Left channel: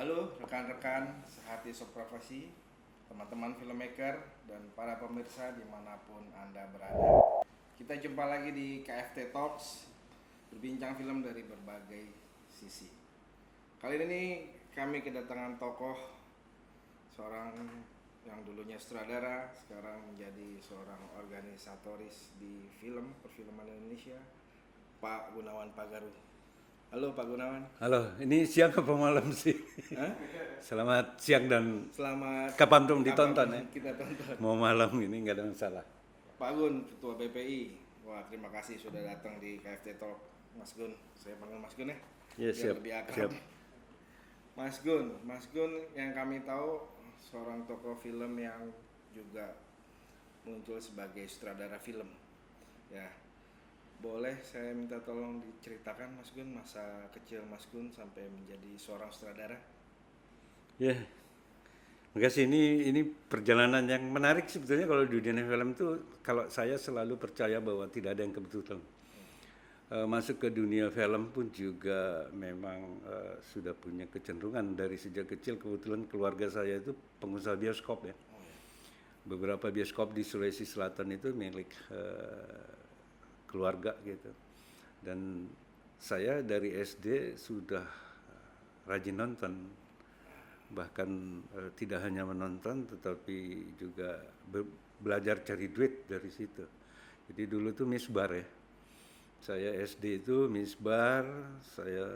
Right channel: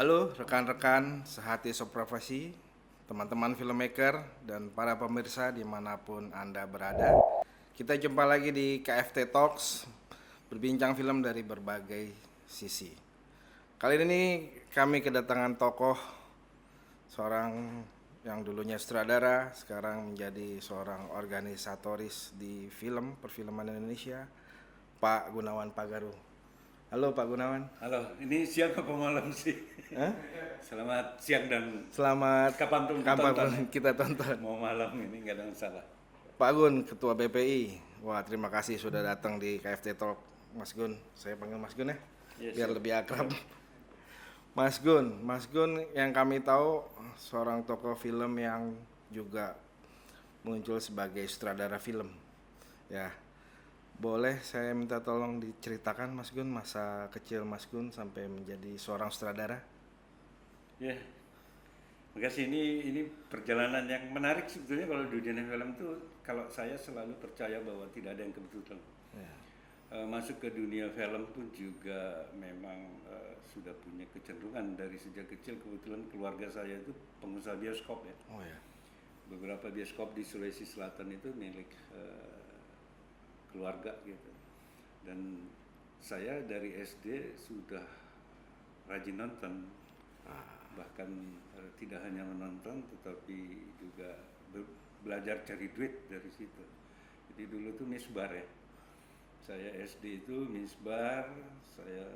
Halo rekan-rekan sehati seprofesi, teman-teman filmmaker, dan para pemirsa dimanapun Anda berada. Kita jumpa lagi di KFT Talks, berbincang film dari berbagai sisi. Kali ini kami kedatangan tokoh, seorang yang dulunya sutradara, sekarang menjadi seorang organisatoris di perfilman Indonesia, Pak Gunawan Pagaru. Halo Pak Gunawan. Halo, ini siang apa malam sih? Hah? Selamat siang dan Selamat kapan tuh ditonton? kapan kita tonton. Mau malam ini nggak ada masalah. Pak Gun, Ketua BPI. Wah, terima kasih sudah datang di KFT Talk. Mas Gun, saya panggil Mas Gun ya, Ya, biar siap, lebih akrab. siap. Mas Gun yang kami tahu seorang tokoh film yang juga muncul sebagai sutradara film. Ya, boleh saya minta tolong diceritakan Mas Gun masa kecil Mas Gun sampai menjadi seorang sutradara? Ya, makasih. Ini perjalanan yang menarik sebetulnya kalau di dunia film tuh. Kalau saya selalu percaya bahwa tidak ada yang kebetulan. Ya. Masuk ke dunia film pun juga memang sudah punya kecenderungan dari sejak kecil. Kebetulan keluarga saya itu pengusaha bioskop ya. Oh ya. Beberapa bioskop di Sulawesi Selatan itu milik keluarga gitu. Dan saya dari SD sudah rajin nonton, bahkan tidak hanya menonton tetapi juga belajar cari duit dari situ. Jadi dulu tuh misbar ya. Saya SD itu misbar, saya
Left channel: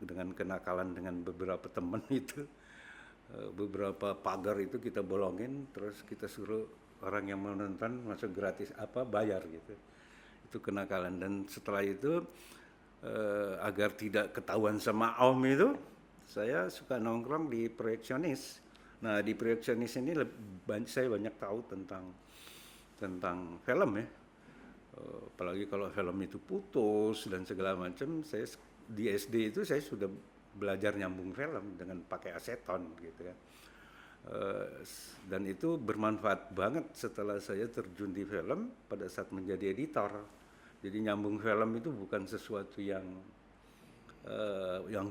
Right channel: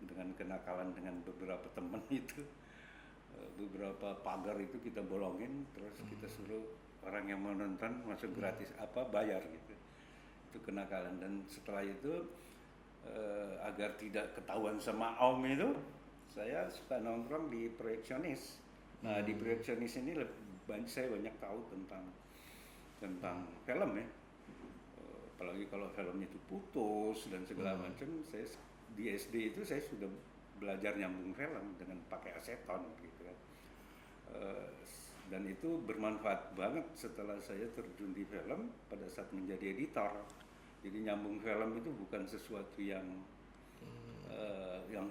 dengan kenakalan dengan beberapa teman itu, beberapa pagar itu kita bolongin, terus kita suruh orang yang menonton masuk gratis apa bayar gitu. Itu kenakalan. Dan setelah itu agar tidak ketahuan sama Om itu, saya suka nongkrong di proyeksionis. Nah di proyeksionis ini saya banyak tahu tentang film ya. Apalagi kalau film itu putus dan segala macam. Saya di SD itu saya sudah belajar nyambung film dengan pakai aseton gitu ya. Dan itu bermanfaat banget setelah saya terjun di film pada saat menjadi editor. Jadi nyambung film itu bukan sesuatu yang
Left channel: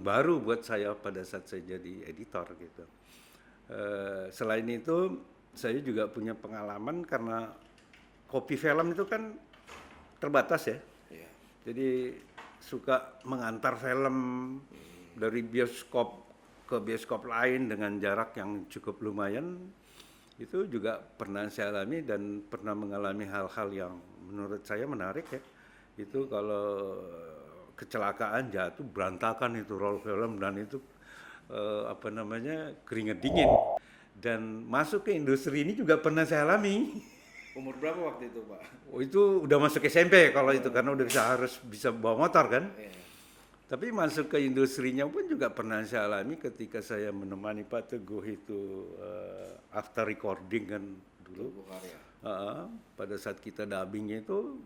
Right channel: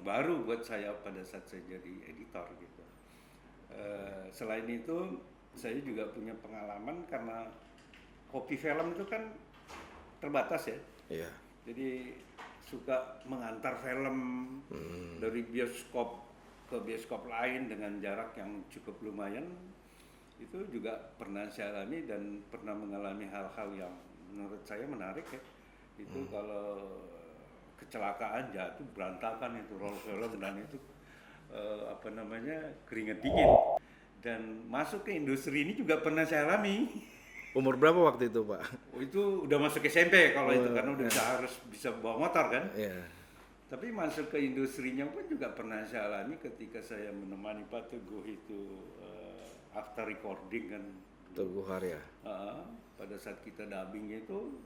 baru buat saya pada saat saya jadi editor gitu. Selain itu saya juga punya pengalaman karena hobi film itu kan terbatas ya. Iya. Jadi suka mengantar film dari bioskop ke bioskop lain dengan jarak yang cukup lumayan. Itu juga pernah saya alami dan pernah mengalami hal-hal yang menurut saya menarik ya. Itu kalau kecelakaan jatuh berantakan itu roll film dan itu keringet dingin. Dan masuk ke industri ini juga pernah saya alami. Umur berapa waktu itu, Pak? Itu udah masuk SMP kalau itu karena udah harus bisa bawa motor kan. Iya. Tapi masuk ke industrinya pun juga pernah saya alami ketika saya menemani Pak Teguh itu after recording kan dulu. Teguh Karya. Pada saat kita dubbing itu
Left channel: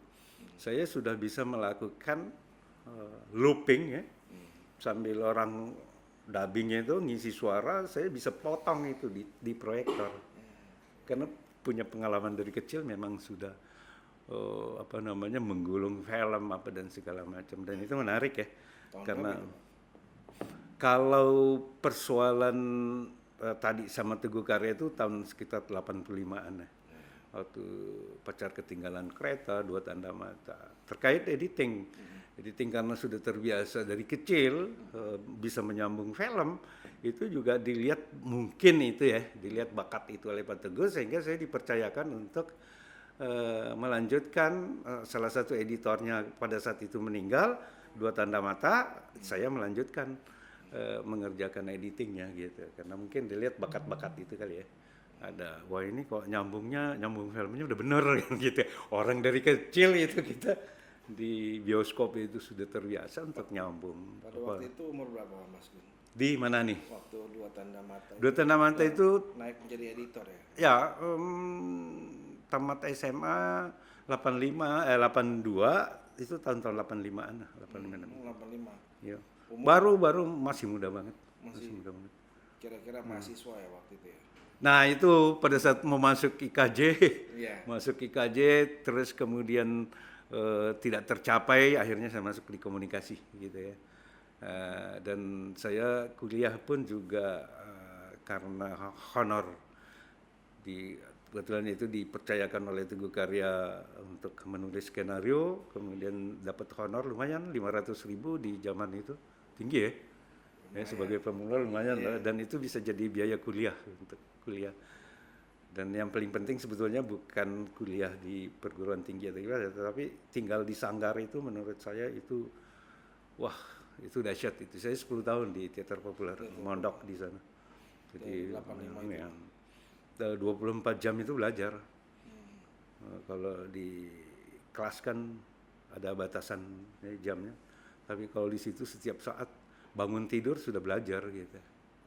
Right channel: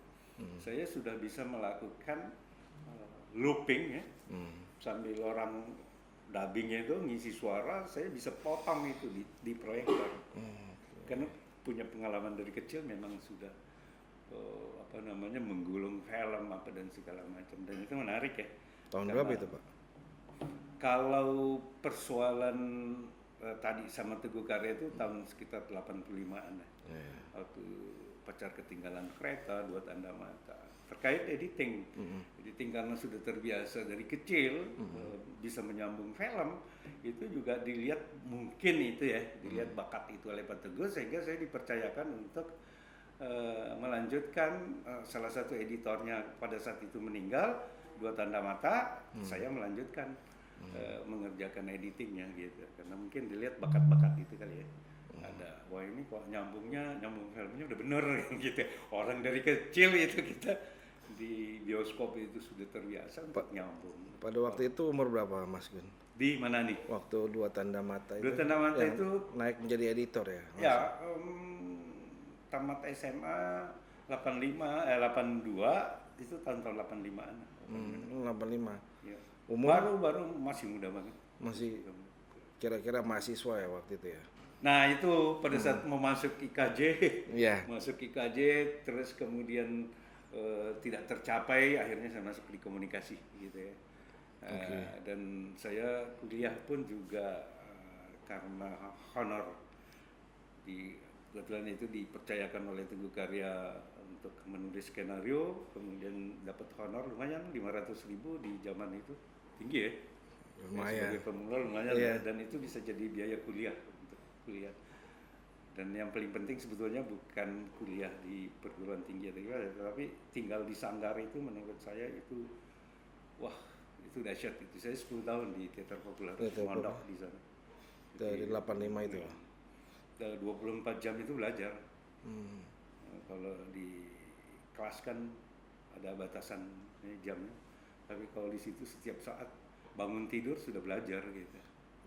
saya sudah bisa melakukan looping ya. Sambil orang dubbingnya itu ngisi suara, saya bisa potong itu di proyektor. Karena punya pengalaman dari kecil memang sudah menggulung film apa dan segala macam, dan itu menarik ya. Tahun berapa itu, Pak? Kalau persoalan tadi sama Teguh Karya itu tahun sekitar 85-an ya. Waktu pacar ketinggalan kereta, Dua Tanda Mata. Terkait editing, editing karena sudah terbiasa dari kecil bisa menyambung film, itu juga dilihat mungkin itu ya, dilihat bakat itu oleh Pak Teguh sehingga saya dipercayakan untuk melanjutkan. Salah satu editornya pada saat itu meninggal, Dua Tanda Mata, saya melanjutkan mengerjakan editingnya gitu, karena mungkin dilihat bakat-bakat itu kali ya. Ada, wah ini kok nyambung filmnya udah bener gitu. Orang dari kecil itu kita di bioskop itu sudah terbiasa untuk nyambung. Pada waktu itu umur berapa, Mas Gun? Di mana nih? Waktu Dua Tanda Mata Dua Tanda Mata itu naik menjadi editor ya? ya tamat SMA 82 itu tahun-tahun 85-an lah. 85. Ya. Umur Baru masih muda banget. masih Muda banget. kira-kira mahasiswa ya waktu itu ya? Nah itu pada saat mau masuk IKJ, Iya. masuk IKJ terus kemudian tidak tercapai, akhirnya saya masuk di komunikasi gitu ya. Dan saya kuliah pun juga karena honor, kebetulan itu dipercayakan oleh Teguh Karya untuk menulis skenario, kemudian dapat honor lumayan 500.000 di zaman itu, tinggi ya. Sebagai pemula lumayan dan itu bisa jadi biaya kuliah untuk kuliah. Dan yang paling penting sebetulnya bukan kuliah di perguruan tinggi tapi tinggal di Sanggar itu menurut saya itu wah, itu dahsyat itu. Saya 10 tahun di teater populer, mondok di sana. Dari 85 itu. Ya. 24 jam itu belajar. Kalau di kelas kan ada batasan jamnya. Tapi kalau di situ setiap saat bangun tidur sudah belajar gitu.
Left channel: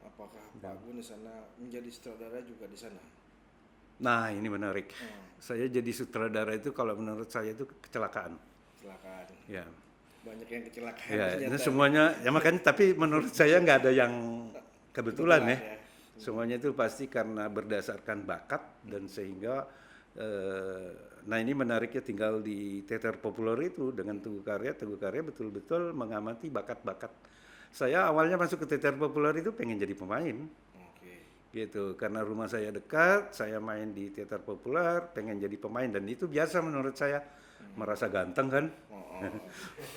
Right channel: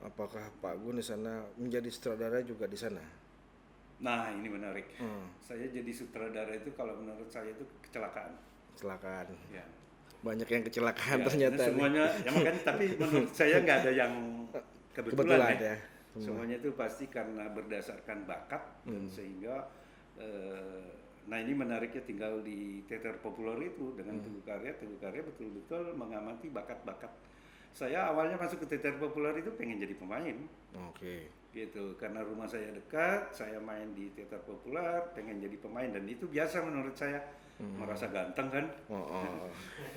Apakah Pak Gun di sana menjadi sutradara juga di sana? Nah, ini menarik. Saya jadi sutradara itu kalau menurut saya itu kecelakaan. Kecelakaan. Ya. Banyak yang kecelakaan Ya, ternyata. semuanya ya makanya tapi menurut saya nggak ada yang kebetulan ya. Semuanya itu pasti karena berdasarkan bakat dan sehingga nah ini menariknya tinggal di teater populer itu dengan Teguh Karya betul-betul mengamati bakat-bakat. Saya awalnya masuk ke teater populer itu pengen jadi pemain. Gitu, karena rumah saya dekat, saya main di teater populer, pengen jadi pemain dan itu biasa menurut saya. Merasa ganteng kan?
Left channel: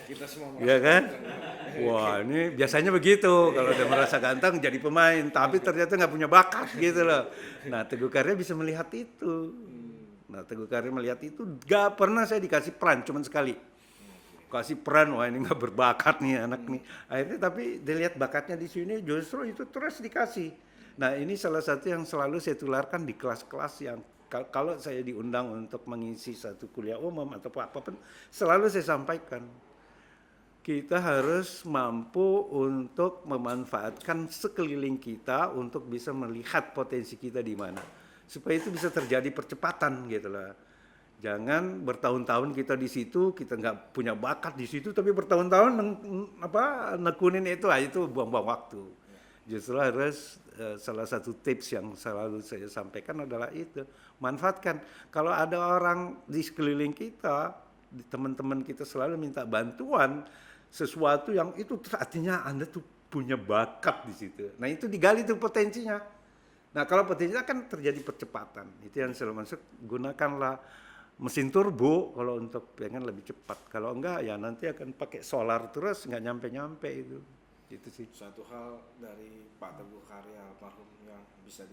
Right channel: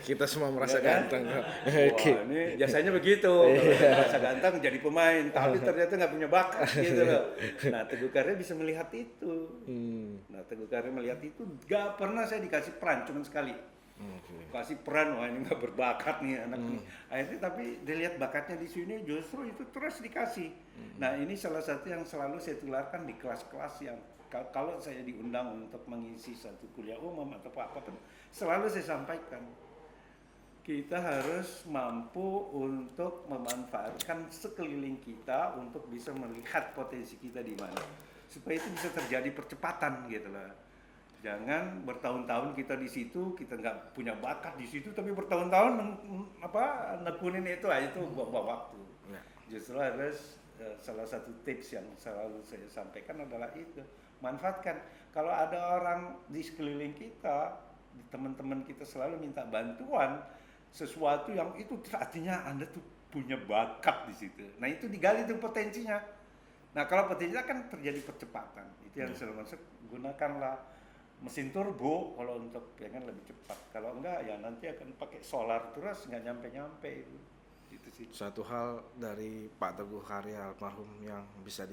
Kita semua merasa ya kan? ganteng. Wah, ini biasanya begitu. Kalau udah merasa ganteng jadi pemain, tapi ternyata nggak punya bakat gitu loh. Nah, Teguh Karya bisa melihat itu. Nah, Teguh Karya melihat itu, nggak pernah saya dikasih peran, cuma sekali. Kasih peran, wah ini nggak berbakat nih anak nih. Akhirnya tapi dilihat bakatnya di sini, justru itu terus dikasih. Nah, ini salah satu yang selalu saya tularkan di kelas-kelas yang kalau saya diundang untuk mengisi satu kuliah umum atau apapun, selalu saya sampaikan. Kita harus mampu untuk memanfaatkan sekeliling kita untuk bisa melihat potensi kita di mana. Supaya itu bisa terjadi percepatan gitu lah. Jangan bertahun-tahun kita di situ, kita nggak punya bakat di situ, tapi bertahun-tahun nekunin itu buang-buang waktu. Justru harus salah satu tips yang selalu saya sampaikan adalah itu, manfaatkan. Kalau ada orang di sekeliling kita, di teman-teman kita selalu minta bantuan sesuatu yang itu artinya Anda tuh punya bakat di situ. Nah itu digali tuh potensinya. Nah kalau potensinya kan terjadi percepatan. Itu yang selalu masuk, gunakanlah mesin turbo kalau untuk pengen lebih cepat. Kalau enggak ya nanti akan pakai solar terus nggak nyampe-nyampe itu. Itu sih satu hal dari Pak Teguh Karya almarhum yang bisa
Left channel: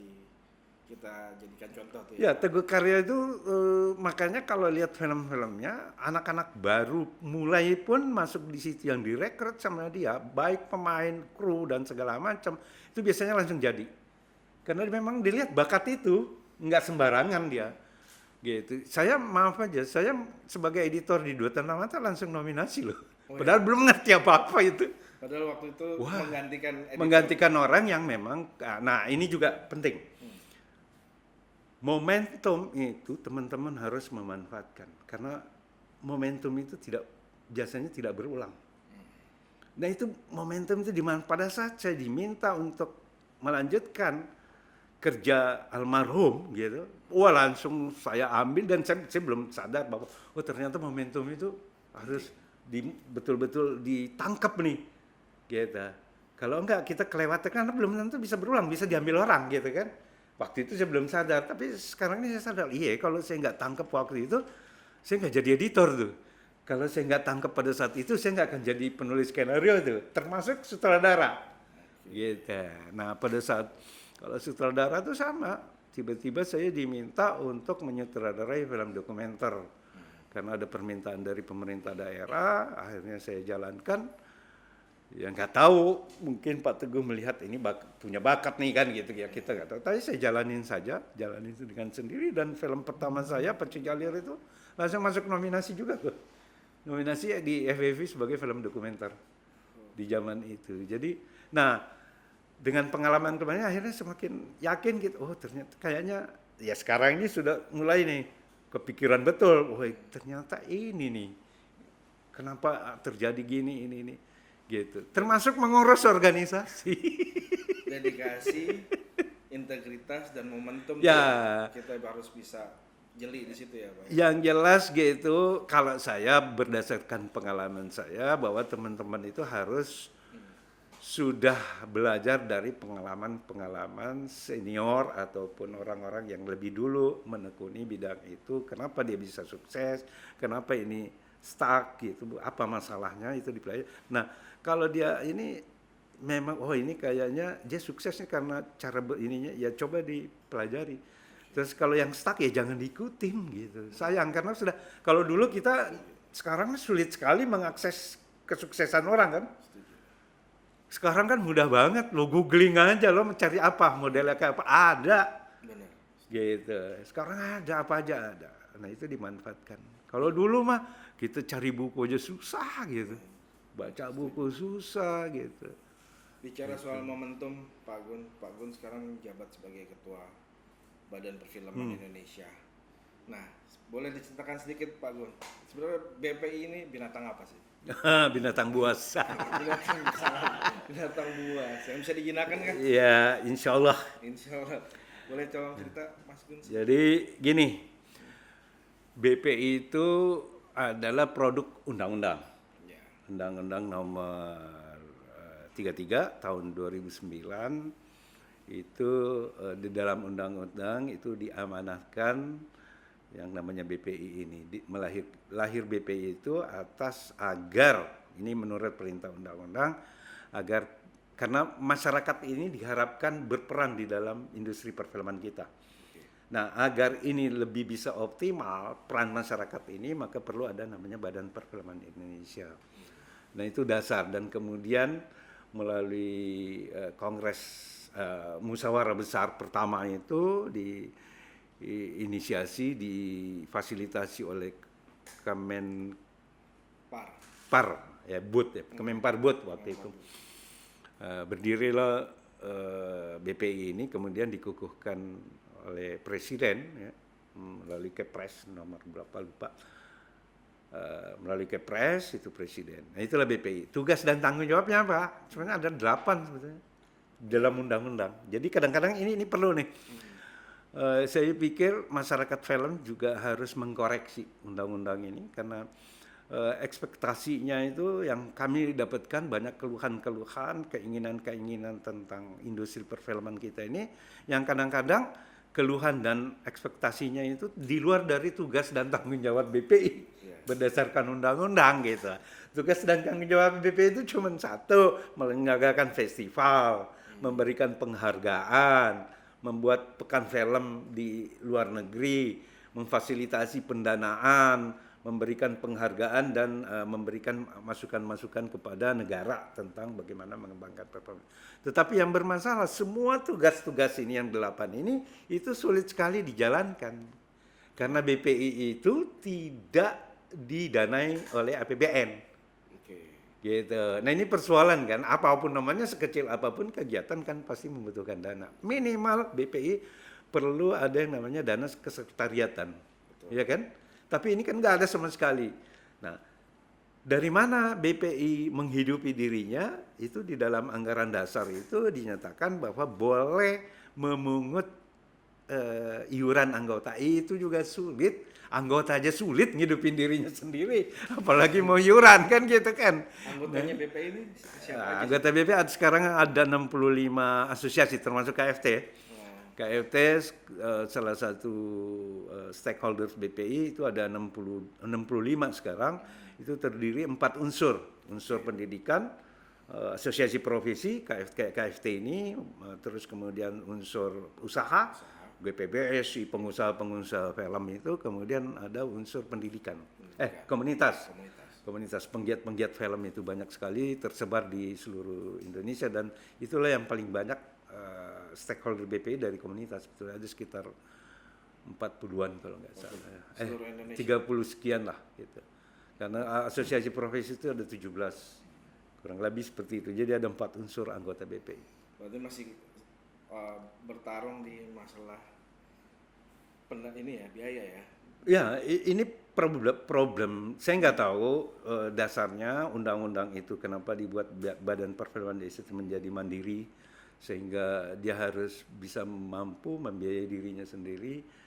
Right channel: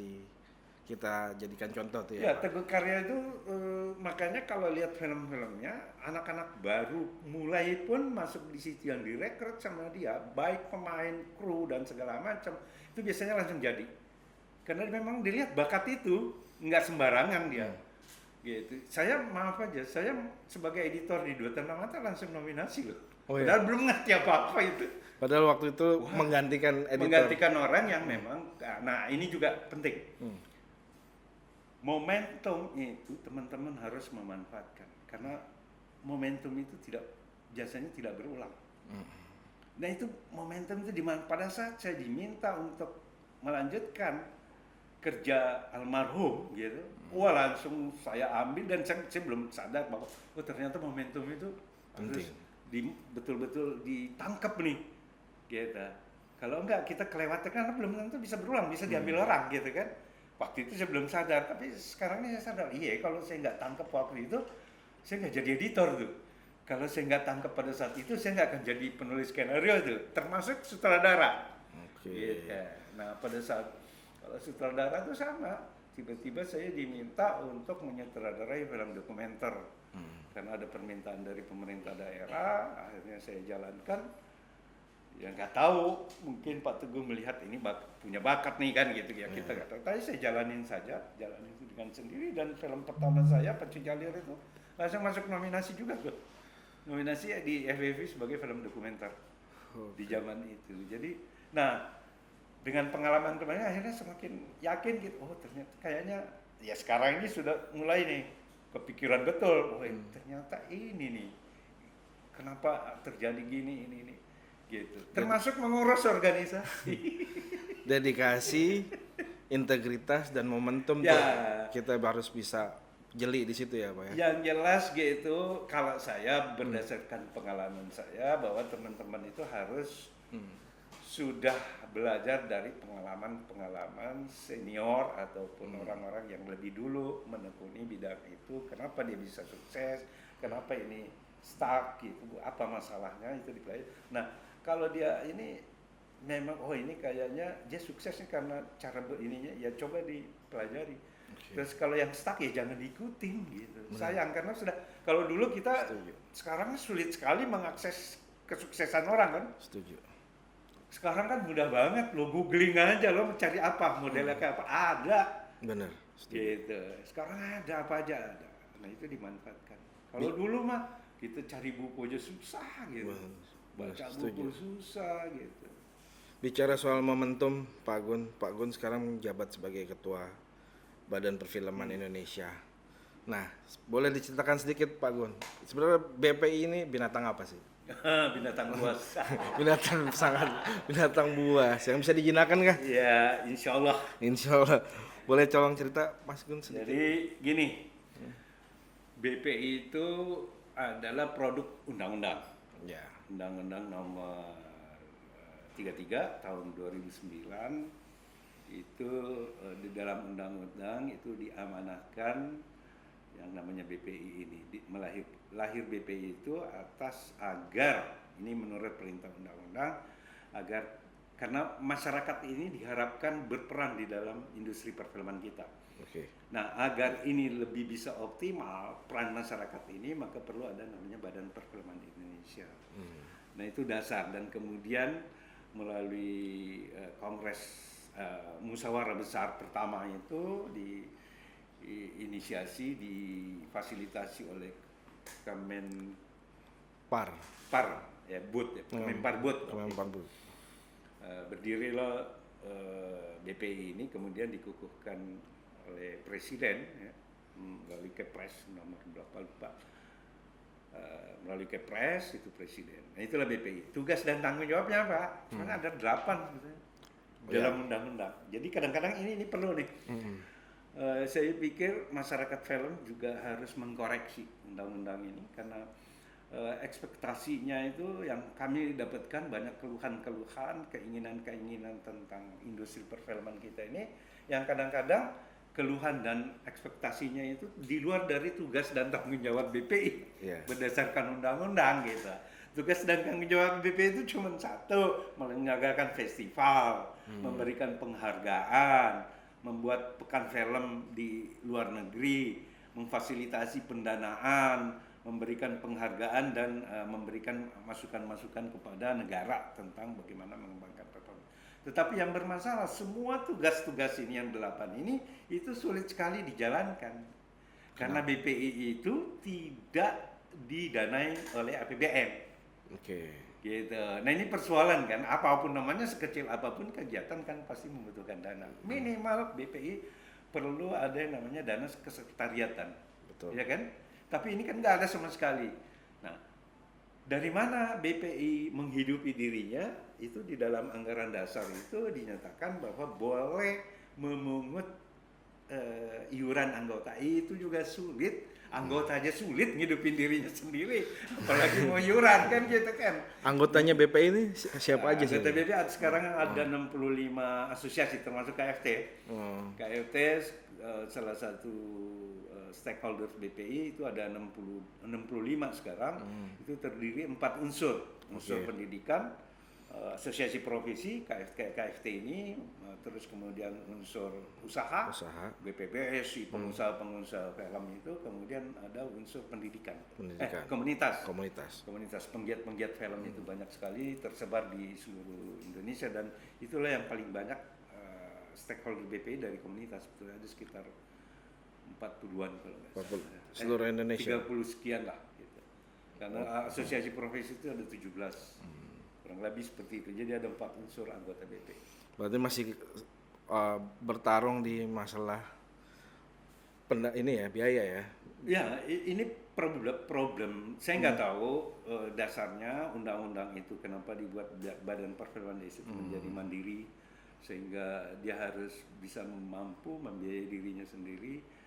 kita jadikan contoh tuh ya. Teguh Karya itu makanya kalau lihat film-filmnya anak-anak baru mulai pun masuk di situ yang direkrut sama dia, baik pemain, kru dan segala macam itu biasanya langsung jadi. Karena memang dilihat bakat itu nggak sembarangan dia. Gitu. Saya maaf aja, saya sebagai editor di Dua Tanda Mata langsung nominasi loh. Padahal belum ngerti apa-apa itu. Padahal waktu itu menggantikan orang yang memang, nah ini juga penting. Momentum itu teman-teman harus memanfaatkan karena momentum itu biasanya tidak berulang. Nah itu momentum itu dimana pada saat saya diminta untuk melanjutkan kerja almarhum gitu, wah langsung saya ambil dan saya belum sadar bahwa ternyata momentum itu harus betul-betul ditangkap nih gitu. Kalau enggak kita kelewatan karena belum tentu bisa berulang, bisa diambil orang gitu kan. Waktu itu saya belum sadar, tapi sekarang ini saya sadar, iya kalau saya nggak tangkap waktu itu saya nggak jadi editor tuh. Kalau saya nggak tangkap pada saat itu saya nggak akan jadi penulis skenario tuh, termasuk sutradara. Gitu. Nah pada saat kalau sutradara itu sama, tiba-tiba saya diminta untuk menyutradarai film dokumenter. Karena ada permintaan dari pemerintah daerah, akhirnya saya jalankan. Ya nggak tahu, mungkin Pak Teguh melihat ini punya bakat nih kan gitu ya, kita nggak tahu. Tapi saya jalanin itu dengan sendiri dan film pertama saya Pacu Jalir itu langsung masuk nominasi juga tuh. Nominasi di FFI sebagai film dokumenter di zaman itu. Jadi, nah dengan pengalaman kemarin akhirnya semakin yakin gitu. Oh ternyata kayaknya ya sekarang ini sudah mulai nih kepikiran betul. Oh ternyata ini nih kenapa terjadi gini ini gitu. Termasuk mengurus organisasi. Dedikasi, integritas dan momentum ya. Kita harus bisa jeli di situ ya Pak ya. Yang jelas gitu kalau saya berdasarkan pengalaman saya bahwa teman-teman itu harus sudah belajar dari pengalaman-pengalaman senior ataupun orang-orang yang lebih dulu menekuni bidang itu, kenapa dia bisa sukses, kenapa ini stuck gitu, apa masalahnya itu dipelajari. Nah, kalau dia ini memang ini kayaknya dia suksesnya karena cara ininya, ya coba dipelajari. Terus kalau yang stuck ya jangan diikutin gitu. Sayang, karena sudah, kalau dulu kita sekarang sulit sekali mengakses kesuksesan orang kan. Setuju. Sekarang kan mudah banget, lo googling aja, lo mencari apa, modelnya kayak apa, ada. Bener. Gitu. Sekarang ada, apa aja ada. Nah itu dimanfaatkan. Kalau dulu mah kita cari buku aja susah gitu. Baca buku susah gitu. Bicara soal momentum, Pak Gun sekarang jabat sebagai ketua Badan Perfilman Indonesia. Nah, boleh diceritakan sedikit Pak Gun, sebenarnya BPI ini binatang apa sih? Binatang buas. binatang buas yang bisa dijinakan kah? Ya, insya Allah. Insya Allah. Boleh colong cerita Mas Gun? Jadi gini, BPI itu adalah produk undang-undang. Ya. Undang-undang nomor 33 tahun 2009 itu di dalam undang-undang itu diamanahkan yang namanya BPI ini. Lahir BPI itu atas agar, ini menurut perintah undang-undang, agar karena masyarakat ini diharapkan berperan di dalam industri perfilman kita. Nah, agar ini lebih bisa optimal peran masyarakat ini, maka perlu ada namanya Badan Perfilman Indonesia. Nah, itu dasar, dan kemudian melalui kongres musyawarah besar pertama itu diinisiasi, difasilitasi oleh Kemenpar, ya BUD ya, Kemenpar BUD waktu itu. Berdirilah BPI ini, kemudian dikukuhkan oleh Presiden ya, melalui Kepres nomor berapa lupa, melalui Kepres itu Presiden. Nah itulah BPI. Tugas dan tanggung jawabnya apa? Sebenarnya ada 8 sebetulnya dalam undang-undang. Jadi kadang-kadang ini perlu nih. Saya pikir masyarakat film juga harus mengkoreksi undang-undang ini, karena ekspektasinya itu yang kami dapatkan banyak keluhan-keluhan, keinginan-keinginan tentang industri perfilman kita ini, yang kadang-kadang keluhan dan ekspektasinya itu di luar dari tugas dan tanggung jawab BPI berdasarkan undang-undang gitu. Tugas dan tanggung jawab BPI itu cuma satu, menyelenggarakan festival, memberikan penghargaan, membuat pekan film di luar negeri, memfasilitasi pendanaan, memberikan penghargaan dan memberikan masukan-masukan kepada negara tentang bagaimana mengembangkan perfilman. Tetapi yang bermasalah, semua tugas-tugas ini yang 8 ini itu sulit sekali dijalankan karena BPI itu tidak didanai oleh APBN. Gitu. Nah ini persoalan kan, apapun namanya, sekecil apapun kegiatan kan pasti membutuhkan dana. Minimal BPI perlu ada yang namanya dana kesekretariatan, ya kan? Tapi ini kan nggak ada sama sekali. Nah, dari mana BPI menghidupi dirinya? Itu di dalam anggaran dasar itu dinyatakan bahwa boleh memungut iuran anggota. Itu juga sulit. Anggota aja sulit ngidupin dirinya sendiri, apalagi mau iuran kan gitu kan. Anggotanya BPI ini siapa aja? Anggota BPI sekarang ada 65 asosiasi termasuk KFT. KFT salah satu stakeholders BPI itu ada 65 sekarang. Itu terdiri 4 unsur pendidikan, asosiasi profesi KFT ini, terus kemudian unsur usaha. BPBS, pengusaha film itu, kemudian ada unsur pendidikan. Komunitas penggiat film itu banyak sekali tersebar di seluruh Indonesia, dan itulah yang paling banyak stakeholder BPI dari komunitas. Itu ada sekitar 40-an kalau nggak salah. Seluruh Indonesia. 30 sekian lah gitu. Karena asosiasi profesi itu ada 17. Kurang lebih seperti itu. Jadi ada 4 unsur anggota BPI. Berarti masih bertarung di masalah biaya ya? Ya, ini problem. Saya nggak tahu dasarnya undang-undang itu kenapa dibuat Badan Perfilman Indonesia menjadi mandiri, sehingga dia harus bisa mampu membiayai dirinya sendiri.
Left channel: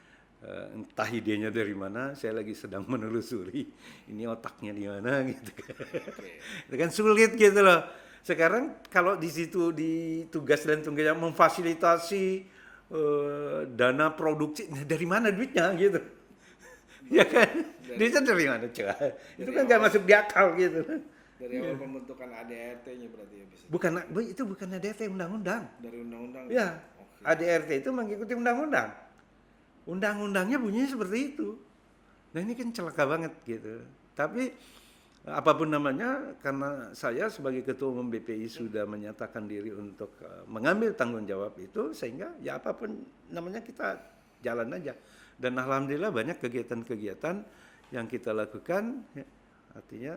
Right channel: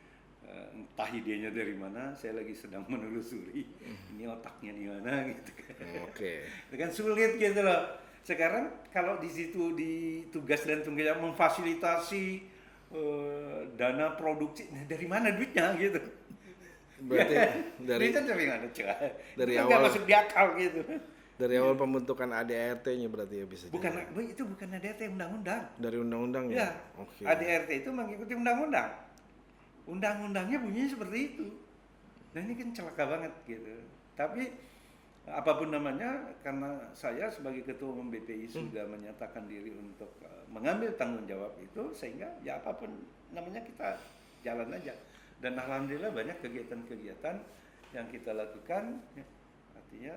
Entah idenya dari mana, saya lagi sedang menelusuri ini otaknya di mana gitu kan. Itu kan sulit gitu loh. Sekarang kalau di situ di tugas dan tunggalnya memfasilitasi dana produksi, nah dari mana duitnya gitu? Ya Berarti kan? dari Duitnya dari mana coba? Itu dari kan nggak awal masuk di akal gitu. dari awal pembentukan ADRT-nya berarti ya bisa Bukan, jadi. itu bukan ADRT undang-undang. Dari undang-undang Ya, Oke. ADRT itu mengikuti undang-undang. Undang-undangnya bunyinya seperti itu. Nah ini kan celaka banget gitu. Tapi apapun namanya, karena saya sebagai ketua umum BPI sudah menyatakan diri untuk mengambil tanggung jawab itu, sehingga ya apapun namanya kita jalan aja. Dan alhamdulillah banyak kegiatan-kegiatan yang kita lakukan, ya, artinya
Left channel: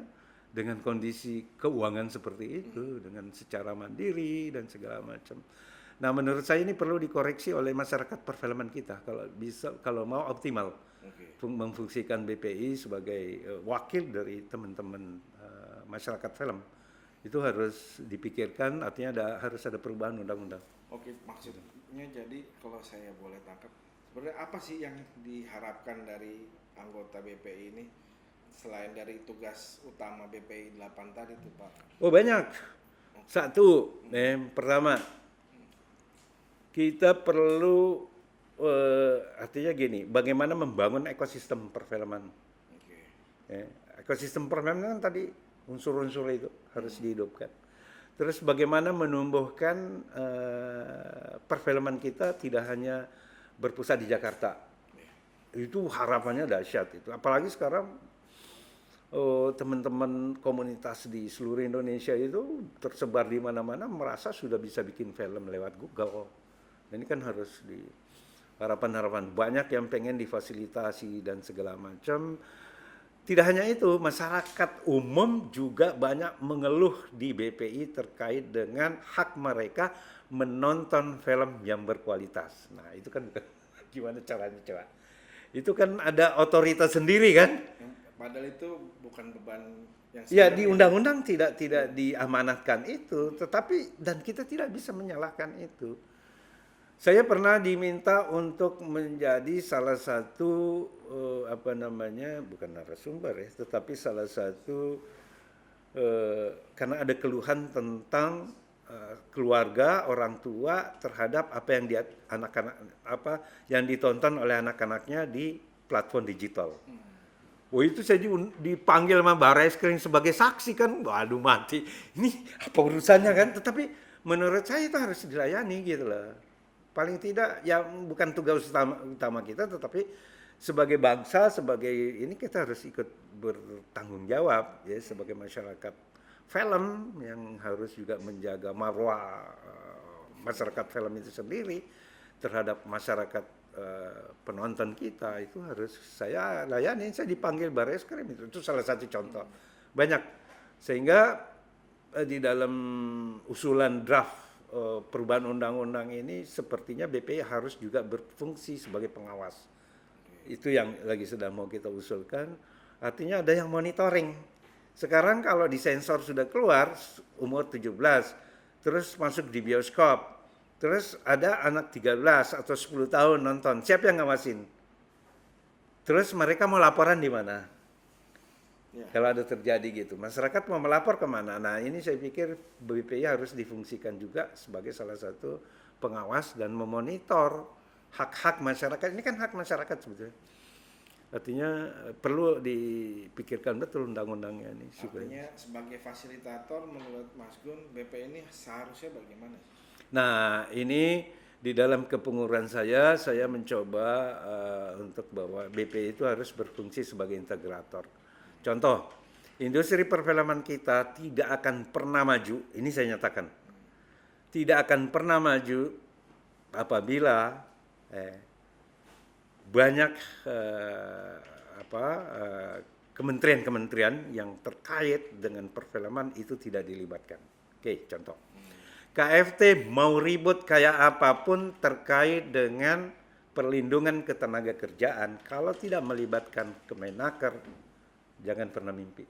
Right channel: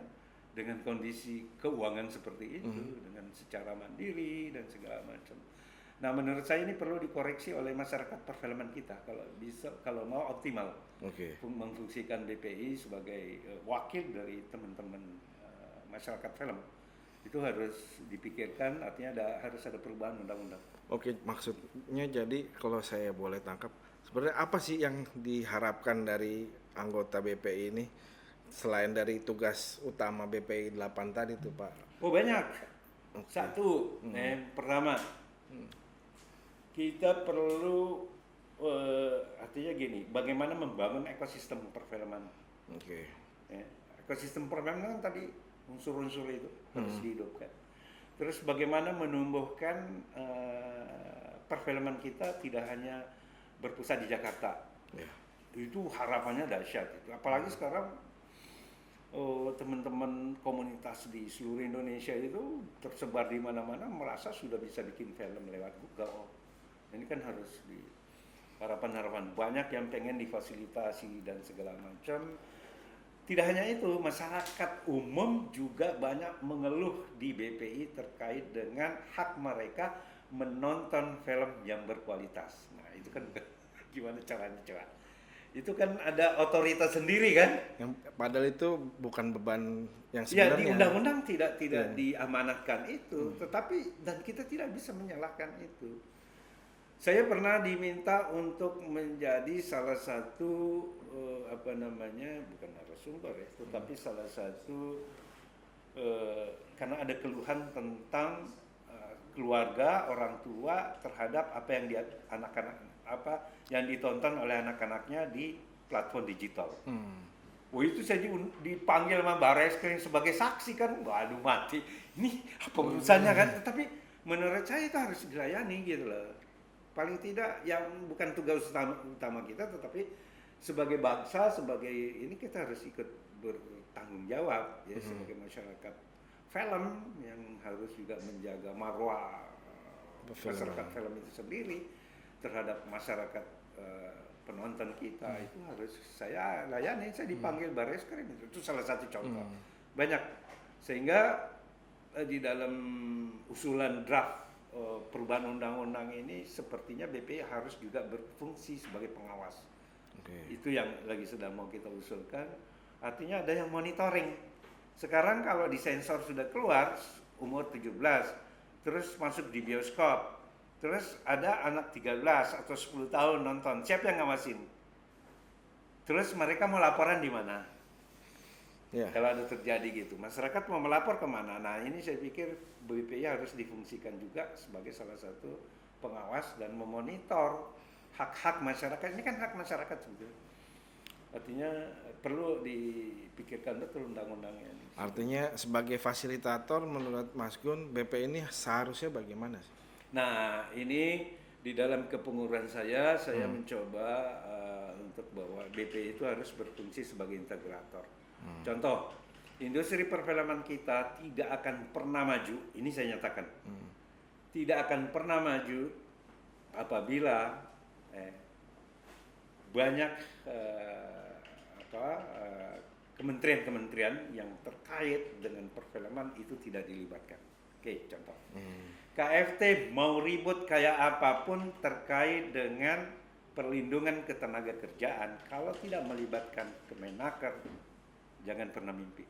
dengan kondisi keuangan seperti itu, dengan secara mandiri dan segala macam. Nah menurut saya ini perlu dikoreksi oleh masyarakat perfilman kita kalau bisa, kalau mau optimal Oke. memfungsikan BPI sebagai wakil dari teman-teman masyarakat film. Itu harus dipikirkan, artinya harus ada perubahan undang-undang. Oke, maksudnya jadi kalau saya boleh tangkap, sebenarnya apa sih yang diharapkan dari anggota BPI ini selain dari tugas utama BPI 8 tadi tuh, Pak? Oh banyak. Satu, pertama kita perlu artinya gini, bagaimana membangun ekosistem perfilman. Oke. Ya, ekosistem perfilman kan tadi unsur-unsur itu harus dihidupkan. Terus bagaimana menumbuhkan perfilman kita tidak hanya berpusat di Jakarta. Ya. Itu harapannya dahsyat itu. Apalagi sekarang teman-teman komunitas di seluruh Indonesia itu tersebar di mana-mana merasa sudah bisa bikin film lewat Google. Ini kan harus di harapan-harapan banyak yang pengen difasilitasi dan segala macam. Tidak hanya itu, masyarakat umum juga banyak mengeluh di BPI terkait dengan hak mereka menonton film yang berkualitas. Nah, itu kan gimana caranya coba? Itu kan ada otoritas sendiri kan? Yang padahal itu bukan beban yang Ya sebenarnya. di undang-undang tidak diamanatkan itu, tetapi dan kita tidak bisa menyalahkan itu. Saya pernah diminta untuk menjadi salah satu bukan narasumber ya, tetapi salah satu karena ada keluhan tentang keluarga orang tua terhadap apa yang yang ditonton oleh anak-anaknya di platform digital. Oh itu saya dipanggil sama Barreskrim sebagai saksi kan, waduh mati. Ini apa urusannya kan? Tetapi menurut saya itu harus dilayani gitu loh. Paling tidak ya bukan tugas utama kita, tetapi sebagai bangsa, sebagai ini kita harus ikut bertanggung jawab ya sebagai masyarakat film yang harus juga menjaga marwah masyarakat film itu sendiri terhadap masyarakat penonton kita. Itu harus saya layani. Saya dipanggil Barreskrim itu salah satu contoh. Banyak sehingga di dalam usulan draft perubahan undang-undang ini sepertinya BPI harus juga berfungsi sebagai pengawas. Itu yang lagi sedang mau kita usulkan. Artinya ada yang monitoring. Sekarang kalau disensor sudah keluar umur 17, terus masuk di bioskop, terus ada anak 13 atau 10 tahun nonton, siapa yang ngawasin? Terus mereka mau laporan di mana? Ya. Kalau ada terjadi gitu, masyarakat mau melapor kemana? Nah ini saya pikir BPI harus difungsikan juga sebagai salah satu pengawas dan memonitor hak-hak masyarakat. Ini kan hak masyarakat sebetulnya. Artinya perlu dipikirkan betul undang-undangnya ini. Artinya sebagai fasilitator menurut Mas Gun, BPI ini seharusnya bagaimana? Nah ini di dalam kepengurusan saya mencoba untuk bahwa BPI itu harus berfungsi sebagai integrator. Contoh, industri perfilman kita tidak akan pernah maju, ini saya nyatakan, tidak akan pernah maju apabila banyak kementerian-kementerian yang terkait dengan perfilman itu tidak dilibatkan. Oke, contoh, KFT mau ribut kayak apapun terkait dengan perlindungan ketenaga kerjaan, kalau tidak melibatkan Kemenaker, jangan pernah mimpi.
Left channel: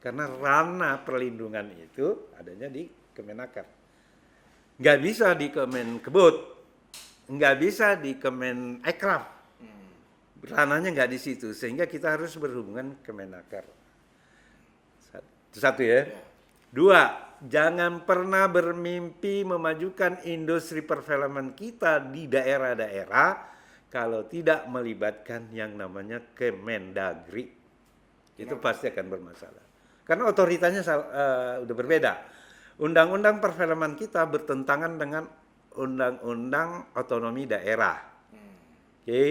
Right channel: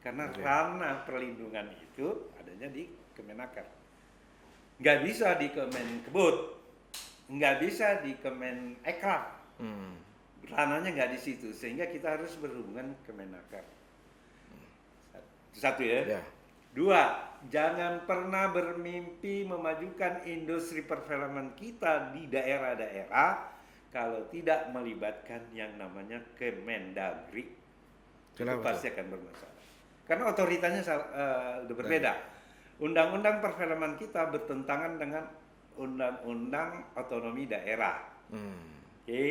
Karena ranah perlindungan itu adanya di Kemenaker. Nggak bisa di Kemenkebut, nggak bisa di Kemenekraf. Ranahnya nggak di situ, sehingga kita harus berhubungan Kemenaker. Satu ya. Dua, jangan pernah bermimpi memajukan industri perfilman kita di daerah-daerah kalau tidak melibatkan yang namanya Kemendagri. Itu Kenapa, pasti akan bermasalah. Karena otoritasnya udah berbeda. Undang-undang perfilman kita bertentangan dengan undang-undang otonomi daerah. Oke.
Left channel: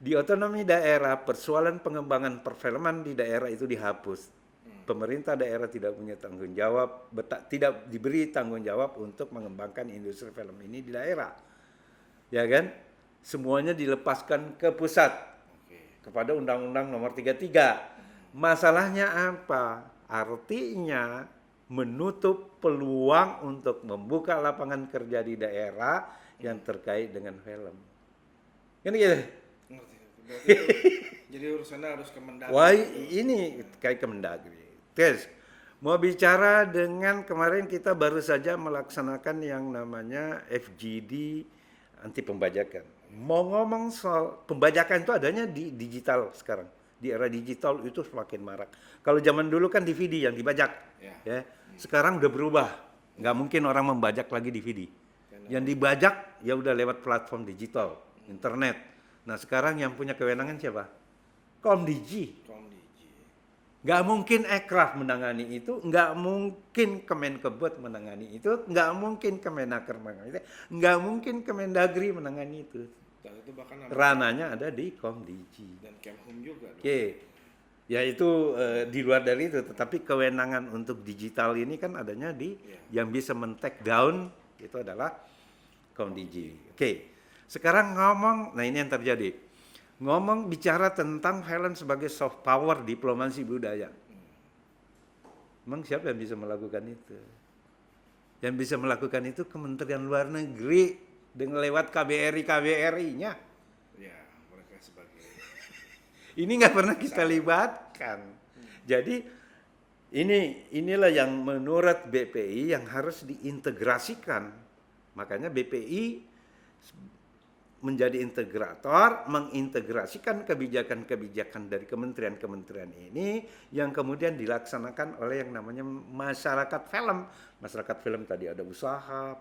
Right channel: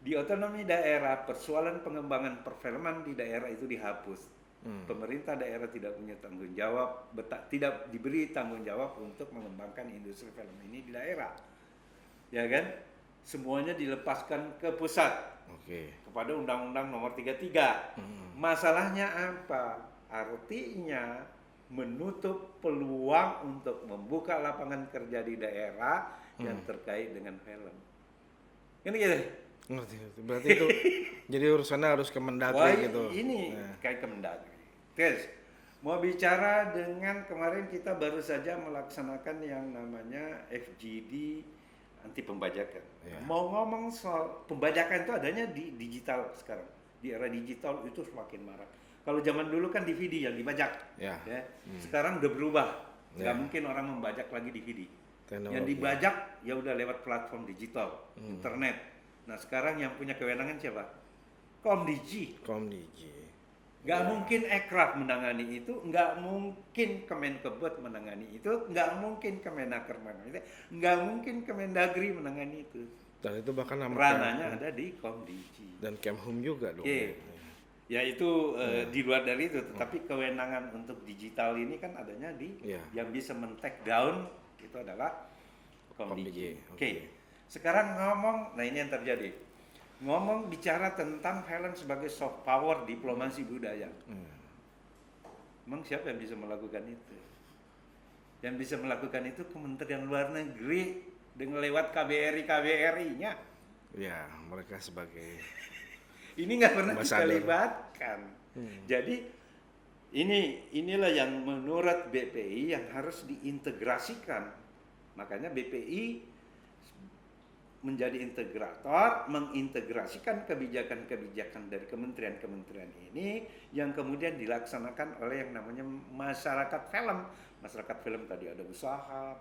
Di otonomi daerah, persoalan pengembangan perfilman di daerah itu dihapus. Pemerintah daerah tidak punya tanggung jawab, tidak diberi tanggung jawab untuk mengembangkan industri film ini di daerah. Ya kan? Semuanya dilepaskan ke pusat. Oke. Kepada Undang-Undang Nomor 33. Masalahnya apa? Artinya menutup peluang untuk membuka lapangan kerja di daerah yang terkait dengan film. Ini gitu. Ngerti. Berarti itu jadi urusannya harus ke Mendagri Wah, gitu. ini kayak Kemendagri. Terus mau bicara dengan kemarin kita baru saja melaksanakan yang namanya FGD anti pembajakan. Mau ngomong soal pembajakan itu adanya di digital sekarang. Di era digital itu semakin marak. Kalau zaman dulu kan DVD yang dibajak. Ya. Sekarang udah berubah. Nggak mungkin orang membajak lagi DVD. Teknologi. Yang dibajak ya udah lewat platform digital, internet. Nah sekarang yang punya kewenangan siapa? Komdigi. Komdigi. Nggak mungkin Ekraf menangani itu, nggak mungkin Kemenkebut menangani itu, nggak mungkin Kemenaker menangani itu, nggak mungkin Kemendagri menangani itu. Dan itu bahkan nama Rananya ada di Komdigi. dan Kemhum juga dong. Oke, ya itu di luar dari itu, tetapi kewenangan untuk digital ini kan adanya di yang bisa men-take down itu adalah Komdigi. Oke, sekarang ngomong, nah ini yang terjadi. Ngomong bicara tentang film sebagai soft power diplomasi budaya. Emang siapa yang bisa melakukan itu? Yang bisa melakukan itu Kementerian Luar Negeri dengan lewat KBRI-KBRI-nya. Ya, mereka sebagai Ini nggak pernah kita Ambassador. libatkan. Jadi inilah yang menurut BPI yang harus diintegrasikan. Makanya BPI menjadi integrator, mengintegrasikan kebijakan-kebijakan dari kementerian-kementerian ini yang kemudian dilaksanakan oleh yang namanya masyarakat film. Masyarakat film tadi ada usaha,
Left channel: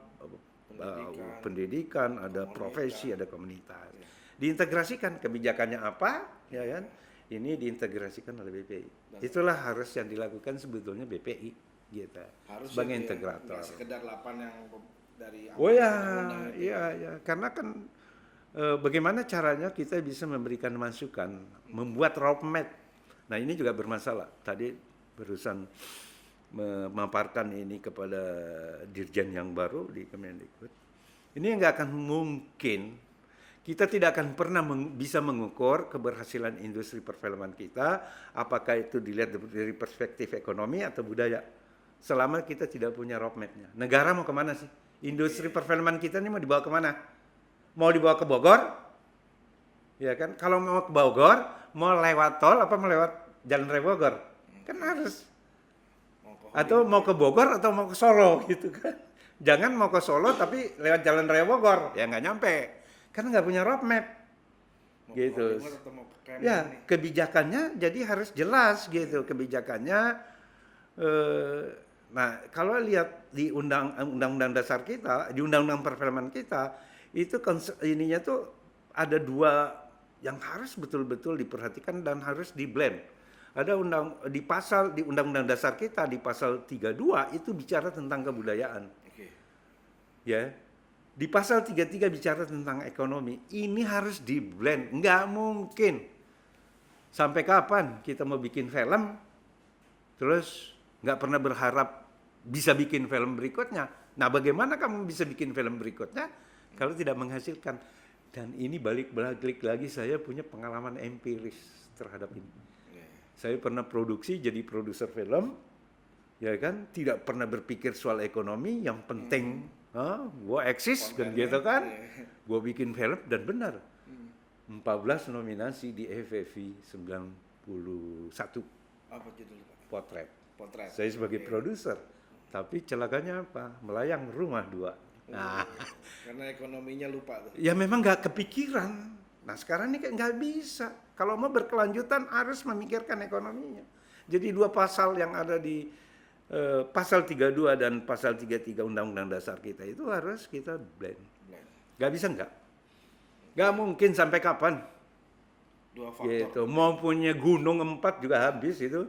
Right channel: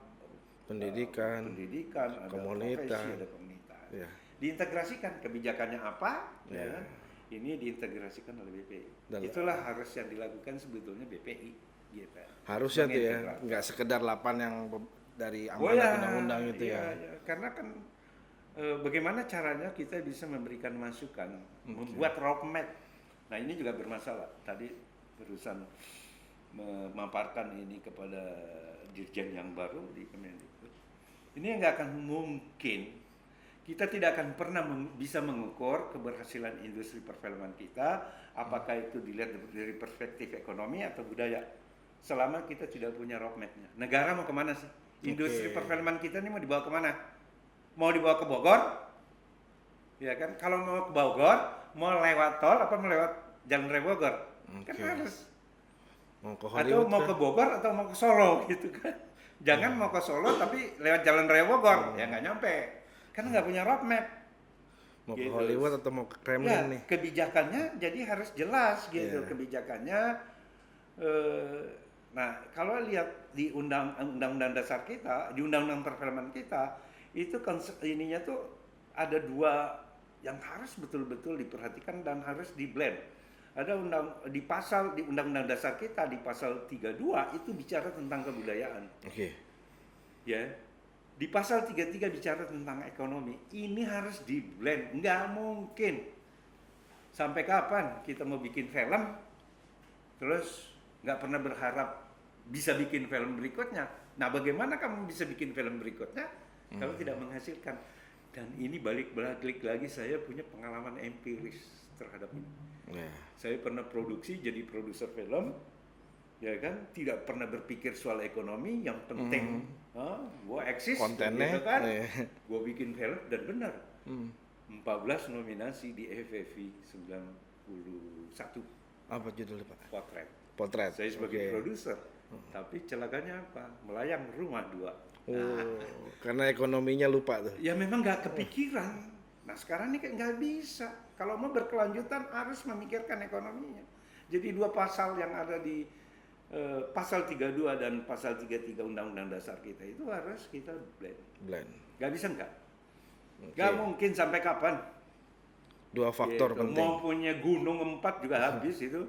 pendidikan, ada profesi, ada komunitas. Ya. Diintegrasikan kebijakannya apa, ya kan? Ini diintegrasikan oleh BPI. Itulah harus yang dilakukan sebetulnya BPI, gitu. Harusnya tuh ya, nggak sekedar 8 yang dari amanat undang-undang itu ya. Karena kan bagaimana caranya kita bisa memberikan masukan, membuat roadmap. Nah ini juga bermasalah. Tadi barusan memaparkan ini kepada dirjen yang baru di Kemendikbud. Ini nggak akan mungkin. Kita tidak akan pernah bisa mengukur keberhasilan industri perfilman kita, apakah itu dilihat dari perspektif ekonomi atau budaya, selama kita tidak punya roadmap-nya. Negara mau kemana sih? Industri perfilman kita ini mau dibawa kemana? Mau dibawa ke Bogor? Ya kan? Kalau mau ke Bogor, mau lewat tol apa mau lewat jalan raya Bogor? Kan harus. Atau mau ke Bogor atau mau ke Solo gitu kan? Jangan mau ke Solo tapi lewat jalan raya Bogor, ya nggak nyampe. Karena nggak punya roadmap. Mau gitu. ke Hollywood atau mau ke Kremlin ya, nih? Kebijakannya jadi harus jelas gitu. Kebijakannya. Nah, kalau lihat di undang-undang dasar kita, di undang-undang perfilman kita, itu ininya tuh ada dua yang harus betul-betul diperhatikan dan harus di-blend. Ada di undang-undang dasar kita di pasal 32 itu bicara tentang kebudayaan. Oke. Ya. Di pasal 33 bicara tentang ekonomi. Ini harus di-blend. Nggak mungkin. Sampai kapan kita mau bikin film terus nggak pernah berharap bisa bikin film berikutnya. Nah, bagaimana kamu bisa bikin film berikutnya kalau tidak menghasilkan? Dan ini balik lagi saya punya pengalaman empiris terhadap ini. Saya pernah produksi jadi produser film, ya kan? Tidak pernah berpikir soal ekonomi, yang penting gue eksis gitu kan. Gue bikin film dan benar. 14 nominasi di FFI 91. Apa judulnya Pak? Potret. Saya sebagai produser. Tapi celakanya apa? Melayang rumah 2. Karena ekonominya lupa tuh. Ya memang nggak kepikiran. Nah sekarang ini nggak bisa. Kalau mau berkelanjutan harus memikirkan ekonominya. Jadi 2 pasal yang ada di pasal 32 dan pasal 33 Undang-Undang Dasar kita itu harus kita blend. Gak bisa nggak? Gak mungkin sampai kapan? Dua faktor Gitu. penting. Mau punya gunung 4 juga habis itu.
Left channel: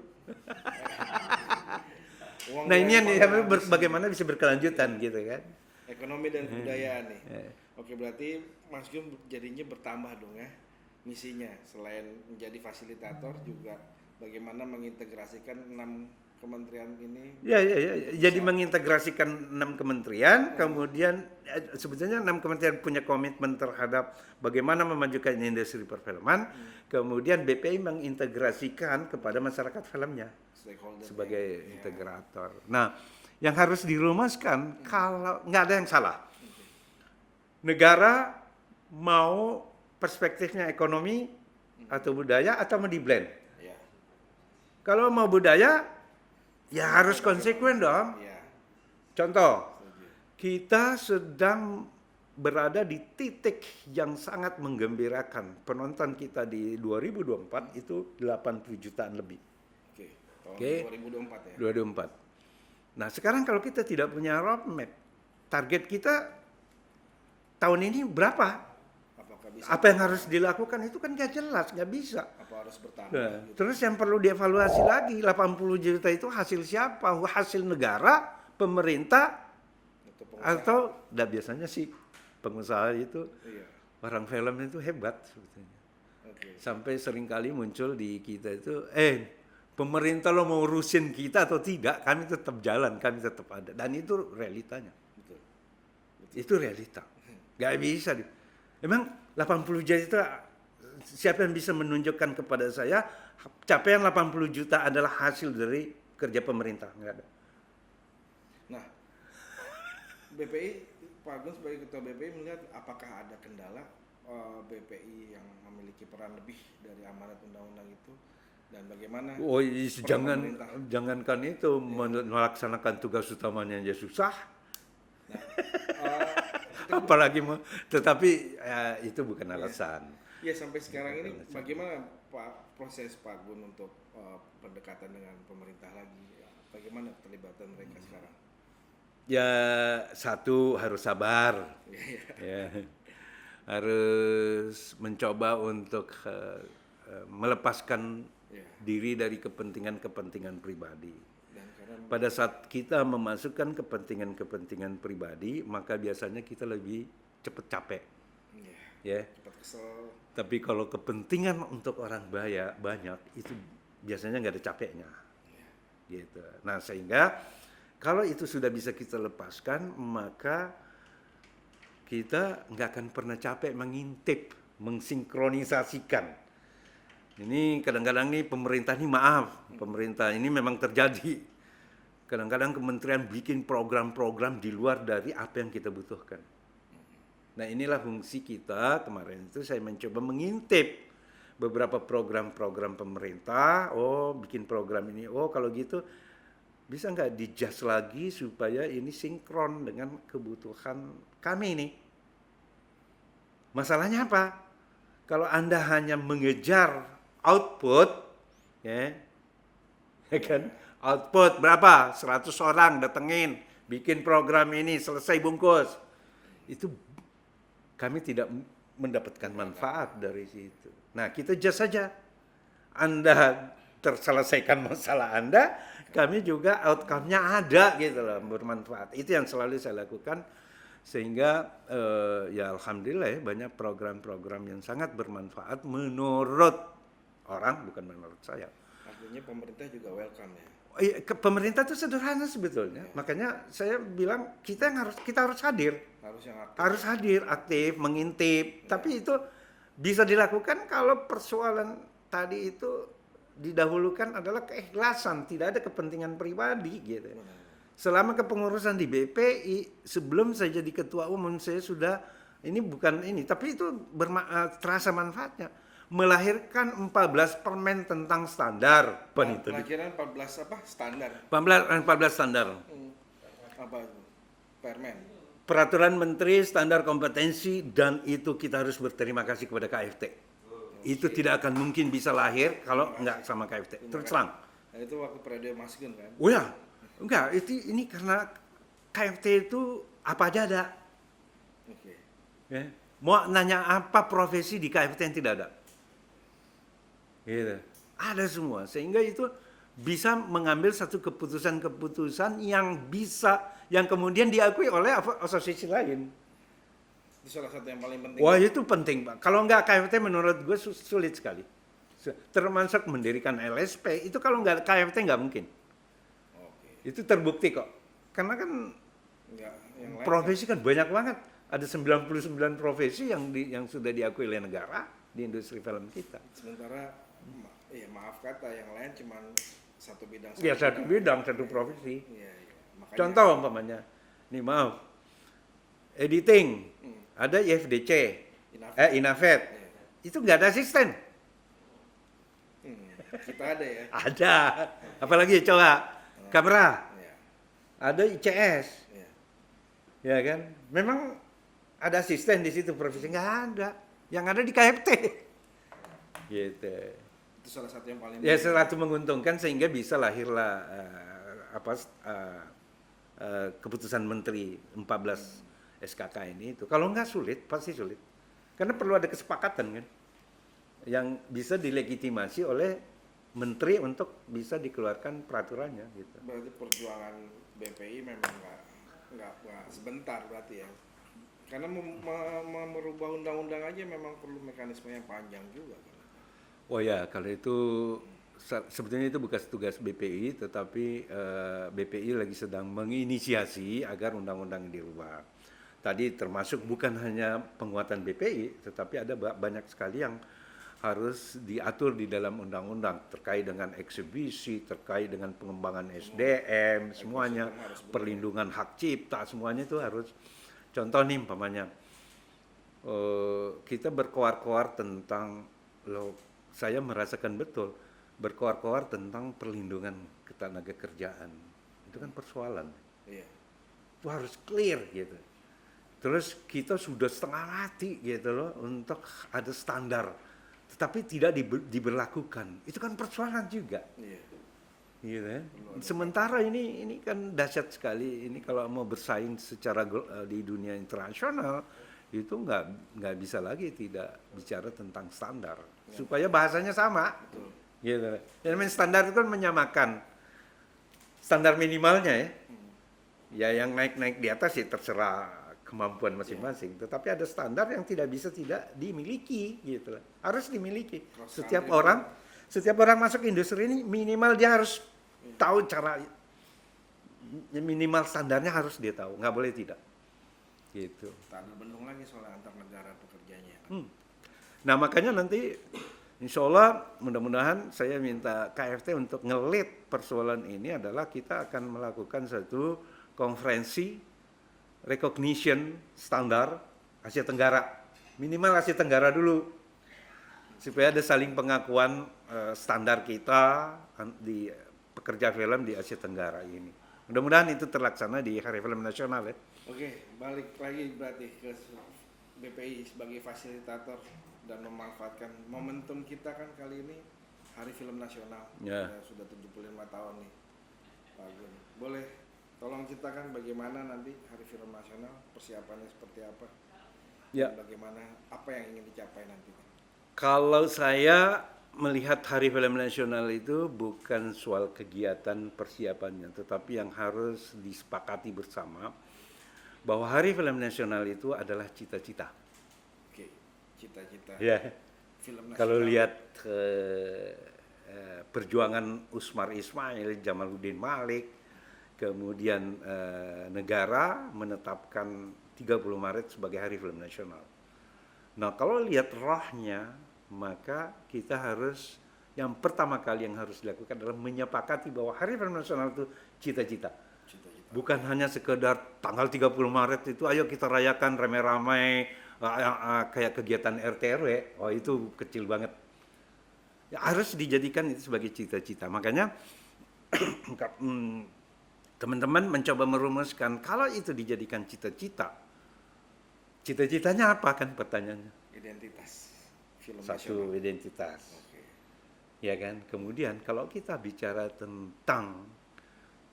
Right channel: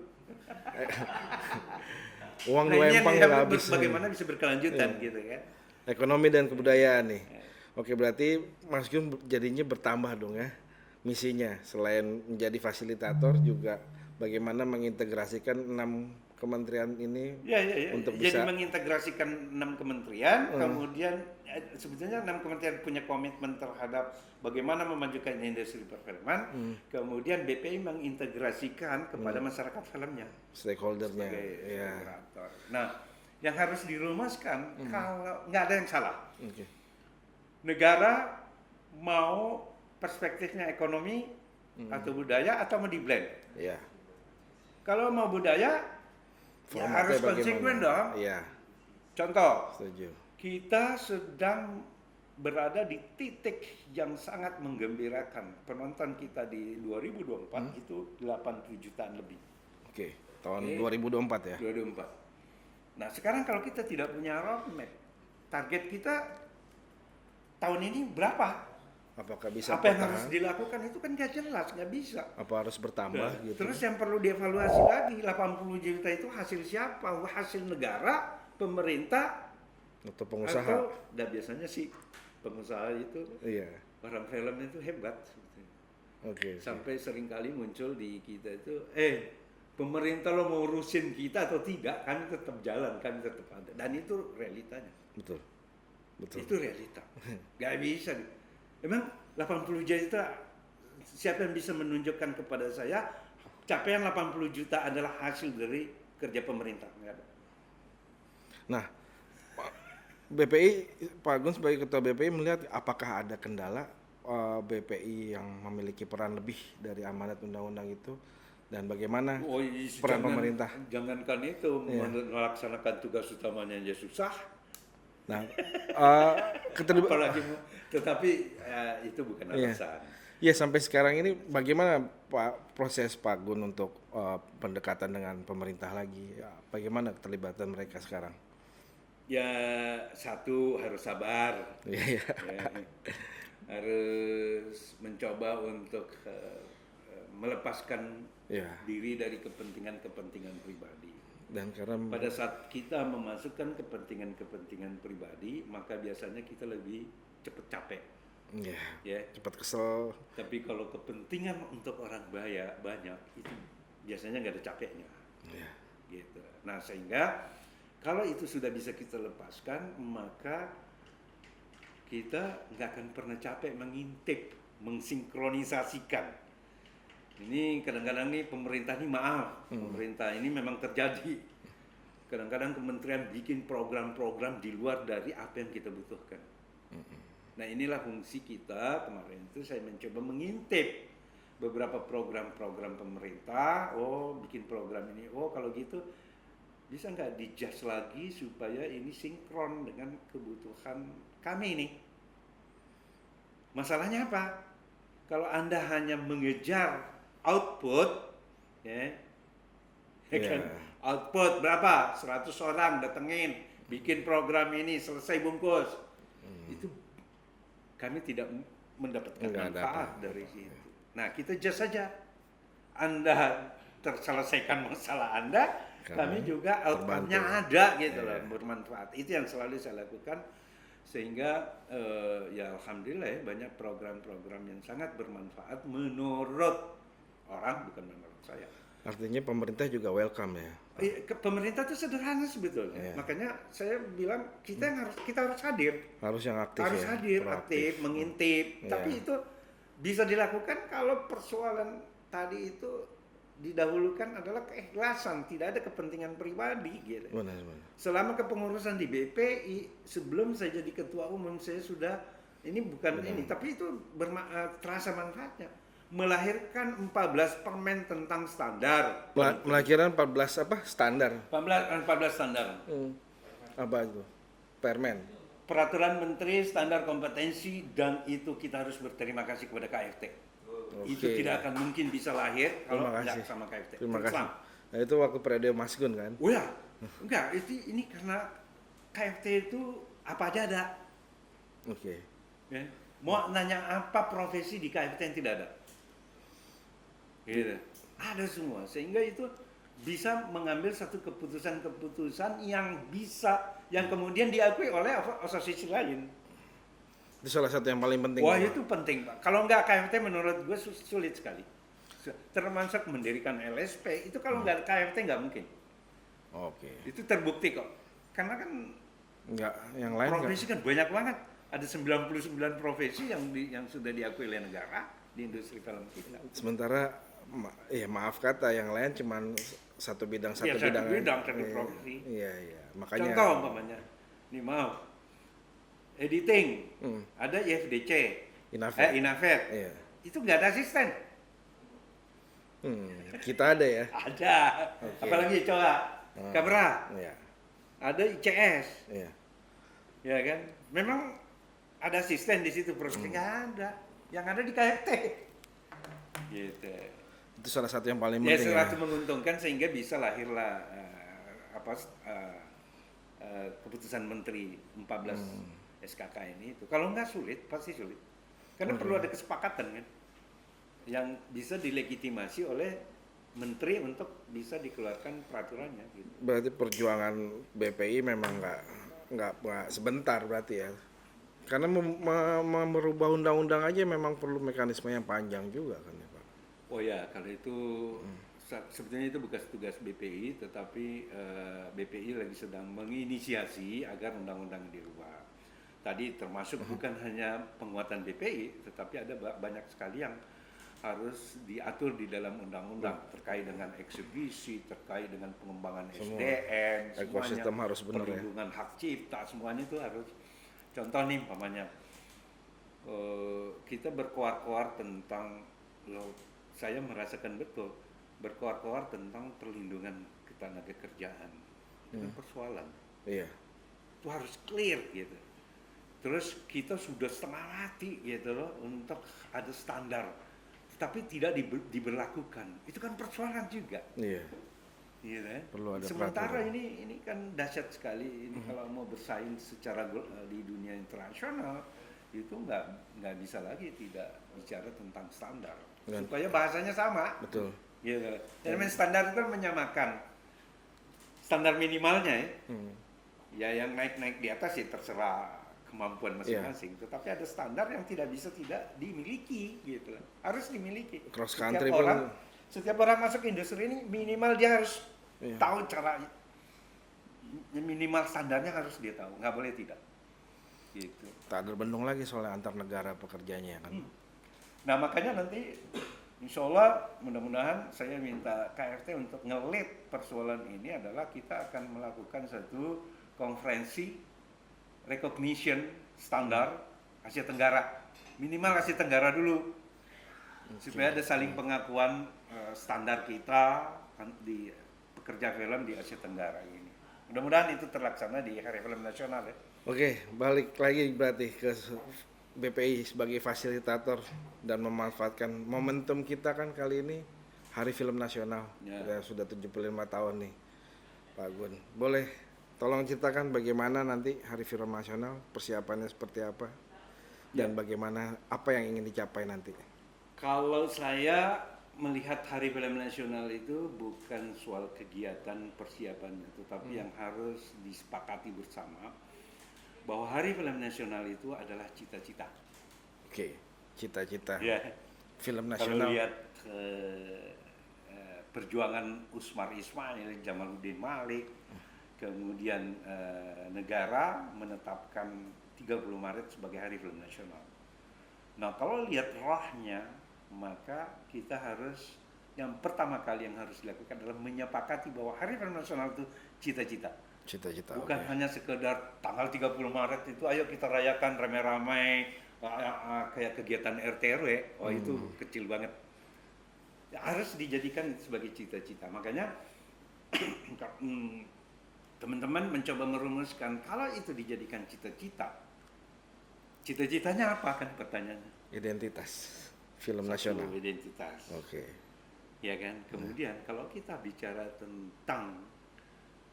Uang Nah ini lempang yang habis. bagaimana bisa berkelanjutan gitu kan? Ekonomi dan kebudayaan nih. Oke, berarti Mas Gun jadinya bertambah dong ya misinya. Selain menjadi fasilitator juga bagaimana mengintegrasikan 6 kementerian ini. Ya. Untuk Jadi bisa- mengintegrasikan 6 kementerian, kemudian sebetulnya 6 kementerian punya komitmen terhadap bagaimana memajukan industri perfilman, kemudian BPI mengintegrasikan kepada masyarakat filmnya Stakeholdernya. sebagai Ya. integrator. Nah, yang harus dirumuskan kalau nggak ada yang salah. Oke. Negara mau perspektifnya ekonomi atau budaya atau mau di blend. Ya. Kalau mau budaya, ya Formatnya harus bagaimana? konsekuen dong. Iya, Contoh, setuju. kita sedang berada di titik yang sangat menggembirakan. Penonton kita di 2024 itu 80 jutaan lebih. Oke, tahun Oke. 2024 ya. 2024. Nah, sekarang kalau kita tidak punya roadmap, target kita tahun ini berapa? Apakah bisa Apa yang bertahan? harus dilakukan itu kan nggak jelas, nggak bisa. Apa harus bertambah Nah, gitu? terus yang perlu dievaluasi lagi, 80 juta itu hasil siapa? Hasil negara, pemerintah, Atau pengusaha? atau biasanya sih pengusaha itu Iya. orang film itu hebat sebetulnya. Oke. Sampai seringkali muncul di kita itu, pemerintah lo mau urusin kita atau tidak, kami tetap jalan, kami tetap ada. Dan itu realitanya. Betul. Itu realita. Gak bisa. Emang 80 juta, siapa yang bisa menunjukkan kepada saya capaian 80 juta adalah hasil dari kerja pemerintah? Nggak ada. Nah, BPI, Pak Gun sebagai ketua BPI melihat apakah ada kendala BPI yang memiliki peran lebih dari amanat undang-undang itu dan bagaimana Oh, peran pemerintah? jangankan itu melaksanakan tugas utamanya aja susah. Nah, Apalagi tetapi itu bukan Iya. alasan. ya sampai sekarang ini bagaimana proses Pak Gun untuk pendekatan dengan pemerintah lagi? Ya, bagaimana keterlibatan mereka sekarang? Ya satu harus sabar. Iya, iya. Ya. Harus mencoba untuk melepaskan Iya. diri dari kepentingan-kepentingan pribadi. Dan karena Pada saat kita memasukkan kepentingan-kepentingan pribadi, maka biasanya kita lebih cepat capek, ya, ya. cepat kesel. Tapi kalau kepentingan untuk orang banyak itu biasanya nggak ada capeknya, Ya. gitu. Nah sehingga kalau itu sudah bisa kita lepaskan, maka kita nggak akan pernah capek mengintip, mensinkronisasikan. Ini kadang-kadang nih pemerintah ini pemerintah ini memang terjadi. Kadang-kadang kementerian bikin program-program di luar dari apa yang kita butuhkan. Nah inilah fungsi kita kemarin itu saya mencoba mengintip beberapa program-program pemerintah. Oh bikin program ini, oh kalau gitu bisa nggak di-adjust lagi supaya ini sinkron dengan kebutuhan kami nih. Masalahnya apa? Kalau Anda hanya mengejar output, ya kan? Output berapa? 100 orang datengin, bikin program ini, selesai bungkus. Itu kami tidak mendapatkan Nggak manfaat dari situ. Nah, kita just saja. Anda terselesaikan masalah Anda, kami juga outcome-nya ada gitu loh, bermanfaat. Itu yang selalu saya lakukan sehingga ya alhamdulillah ya banyak program-program yang sangat bermanfaat menurut orang, bukan menurut saya. Artinya pemerintah juga welcome ya. Pemerintah itu sederhana sebetulnya. Makanya saya bilang kita harus hadir. Harus yang aktif. Harus ya. hadir, aktif, mengintip. Tapi itu bisa dilakukan kalau persoalan tadi itu didahulukan adalah keikhlasan, tidak ada kepentingan pribadi gitu. Benar. Selama kepengurusan di BPI, sebelum saya jadi ketua umum saya sudah ini bukan ini, tapi itu terasa manfaatnya. Melahirkan 14 permen tentang standar. Melahirkan 14 apa? Standar. 14 standar. Apa itu? Permen. Peraturan Menteri Standar Kompetensi, dan itu kita harus berterima kasih kepada KFT. Itu tidak akan mungkin bisa lahir kalau nggak sama KFT. Terima Terus kasih. Nah, itu waktu periode Mas Gun kan? Oh ya, Enggak, ini karena KFT itu apa aja ada. Oke. Ya. Mau nanya apa profesi di KFT yang tidak ada? Gitu. Ada semua, sehingga itu bisa mengambil satu keputusan-keputusan yang kemudian diakui oleh asosiasi lain. Itu salah satu yang paling penting. Wah ya, Pak? itu penting Pak. Kalau nggak KFT menurut gue sulit sekali. Termasuk mendirikan LSP itu kalau nggak KFT nggak mungkin. Oke. Itu terbukti kok. Karena kan Enggak, yang lain profesi kan banyak banget. Ada 99 profesi yang sudah diakui oleh negara di industri film kita. Sementara maaf kata yang lain cuman satu bidang Ya, satu aja. bidang, satu profesi. Iya, iya. Makanya Contoh umpamanya, nih maaf, editing, ada IFDC, Inafet, Iya. itu nggak ada asisten. Kita ada ya. Ada, Oke. apalagi coba kamera, Iya. ada ICS, Iya. ya kan? Memang ada asisten di situ profesi nggak ada, yang ada di KFT. Gitu. Itu salah satu yang paling Ya penting. salah satu menguntungkan sehingga bisa lahirlah keputusan Menteri 14 SKK ini itu. Kalau nggak sulit, pasti sulit. Karena perlu ada kesepakatan kan, yang bisa dilegitimasi oleh Menteri untuk bisa dikeluarkan peraturannya. Gitu. Berarti perjuangan BPI memang nggak sebentar berarti ya. Karena merubah undang-undang aja memang perlu mekanisme yang panjang juga kan ya, Pak. Oh ya, kalau itu sebetulnya itu bukan tugas BPI, tetapi BPI lagi sedang menginisiasi agar undang-undang dirubah. Tadi termasuk bukan hanya penguatan BPI, tetapi ada banyak sekali yang harus diatur di dalam undang-undang terkait dengan eksibisi, terkait dengan pengembangan SDM, semuanya, ekosistem harus benar, perlindungan hak cipta, semuanya itu harus. Contoh nih, umpamanya kita berkoar-koar tentang, saya merasakan betul berkoar-koar tentang perlindungan ketenaga kerjaan. Itu kan persoalan. Iya. Itu harus clear gitu. Terus kita sudah setengah mati gitu loh untuk ada standar, tetapi tidak diberlakukan. Itu kan persoalan juga. Iya. Gitu ya. Perlu ada Sementara ini kan dahsyat sekali. Ini kalau mau bersaing secara di dunia internasional itu nggak bisa lagi tidak bicara tentang standar. Supaya bahasanya sama. Betul. Gitu. Yang namanya standar itu kan menyamakan standar minimalnya ya. Ya yang naik di atas ya terserah kemampuan masing-masing. Tetapi ada standar yang tidak bisa tidak dimiliki gitu. Harus dimiliki. Cross Setiap country setiap orang masuk industri ini minimal dia harus tahu cara, minimal standarnya harus dia tahu, nggak boleh tidak. Gitu. Tak terbendung lagi soalnya antar negara pekerjanya kan. Nah makanya nanti insya Allah mudah-mudahan saya minta KFT untuk ngelit persoalan ini adalah kita akan melakukan satu konferensi recognition standar Asia Tenggara, minimal Asia Tenggara dulu, supaya ada saling pengakuan standar kita di pekerja film di Asia Tenggara ini. Mudah-mudahan itu terlaksana di Hari Film Nasional ya. Oke, balik lagi berarti ke BPI sebagai fasilitator dan memanfaatkan momentum kita kan kali ini Hari Film Nasional. Ya, sudah 75 tahun nih Pak Gun. Boleh tolong ceritakan bagaimana nanti Hari Film Nasional, persiapannya seperti apa? Dan bagaimana apa yang ingin dicapai nanti? Kalau saya melihat Hari Film Nasional itu bukan soal kegiatan persiapannya, tetapi yang harus disepakati bersama bahwa Hari Film Nasional itu adalah cita-cita. Oke, cita-cita. Ya. Film nasional. Kalau lihat perjuangan Usmar Ismail, Jamaluddin Malik, kemudian negara menetapkan 30 Maret sebagai Hari Film Nasional. Nah, kalau lihat rohnya, maka kita harus, yang pertama kali yang harus dilakukan adalah menyepakati bahwa Hari Film Nasional itu cita-cita. Cita-cita. Bukan hanya sekedar tanggal 30 Maret itu ayo kita rayakan rame-rame kayak kegiatan RT RW. Oh itu kecil banget. Ya, harus dijadikan itu sebagai cita-cita. Makanya teman-teman mencoba merumuskan kalau itu dijadikan cita-cita. Cita-citanya apa kan pertanyaannya? Identitas film Satu, nasional. identitas. Oke. Ya kan. Kemudian kalau kita bicara tentang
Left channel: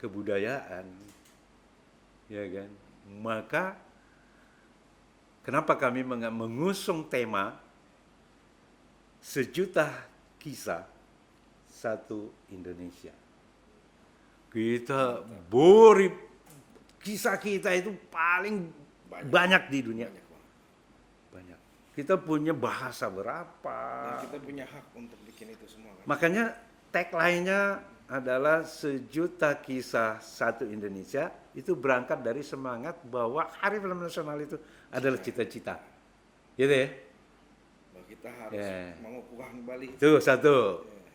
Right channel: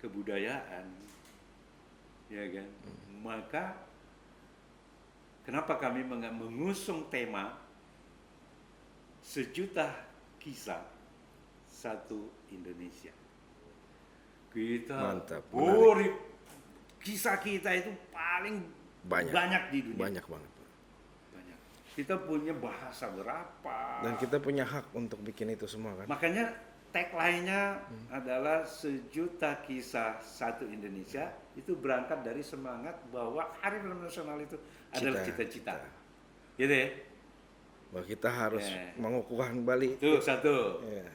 kebudayaan, ya kan? Maka kenapa kami mengusung tema sejuta kisah satu Indonesia? Kita bori kisah kita itu paling banyak di dunia. Banyak banget. Banyak. Kita punya bahasa berapa? Dan kita punya hak untuk bikin itu semua kan. Makanya tagline-nya adalah sejuta kisah satu Indonesia. Itu berangkat dari semangat bahwa Hari Film Nasional itu adalah cita-cita. Gitu ya? Bahwa kita harus mengukuhkan kembali. Itu satu. Ya.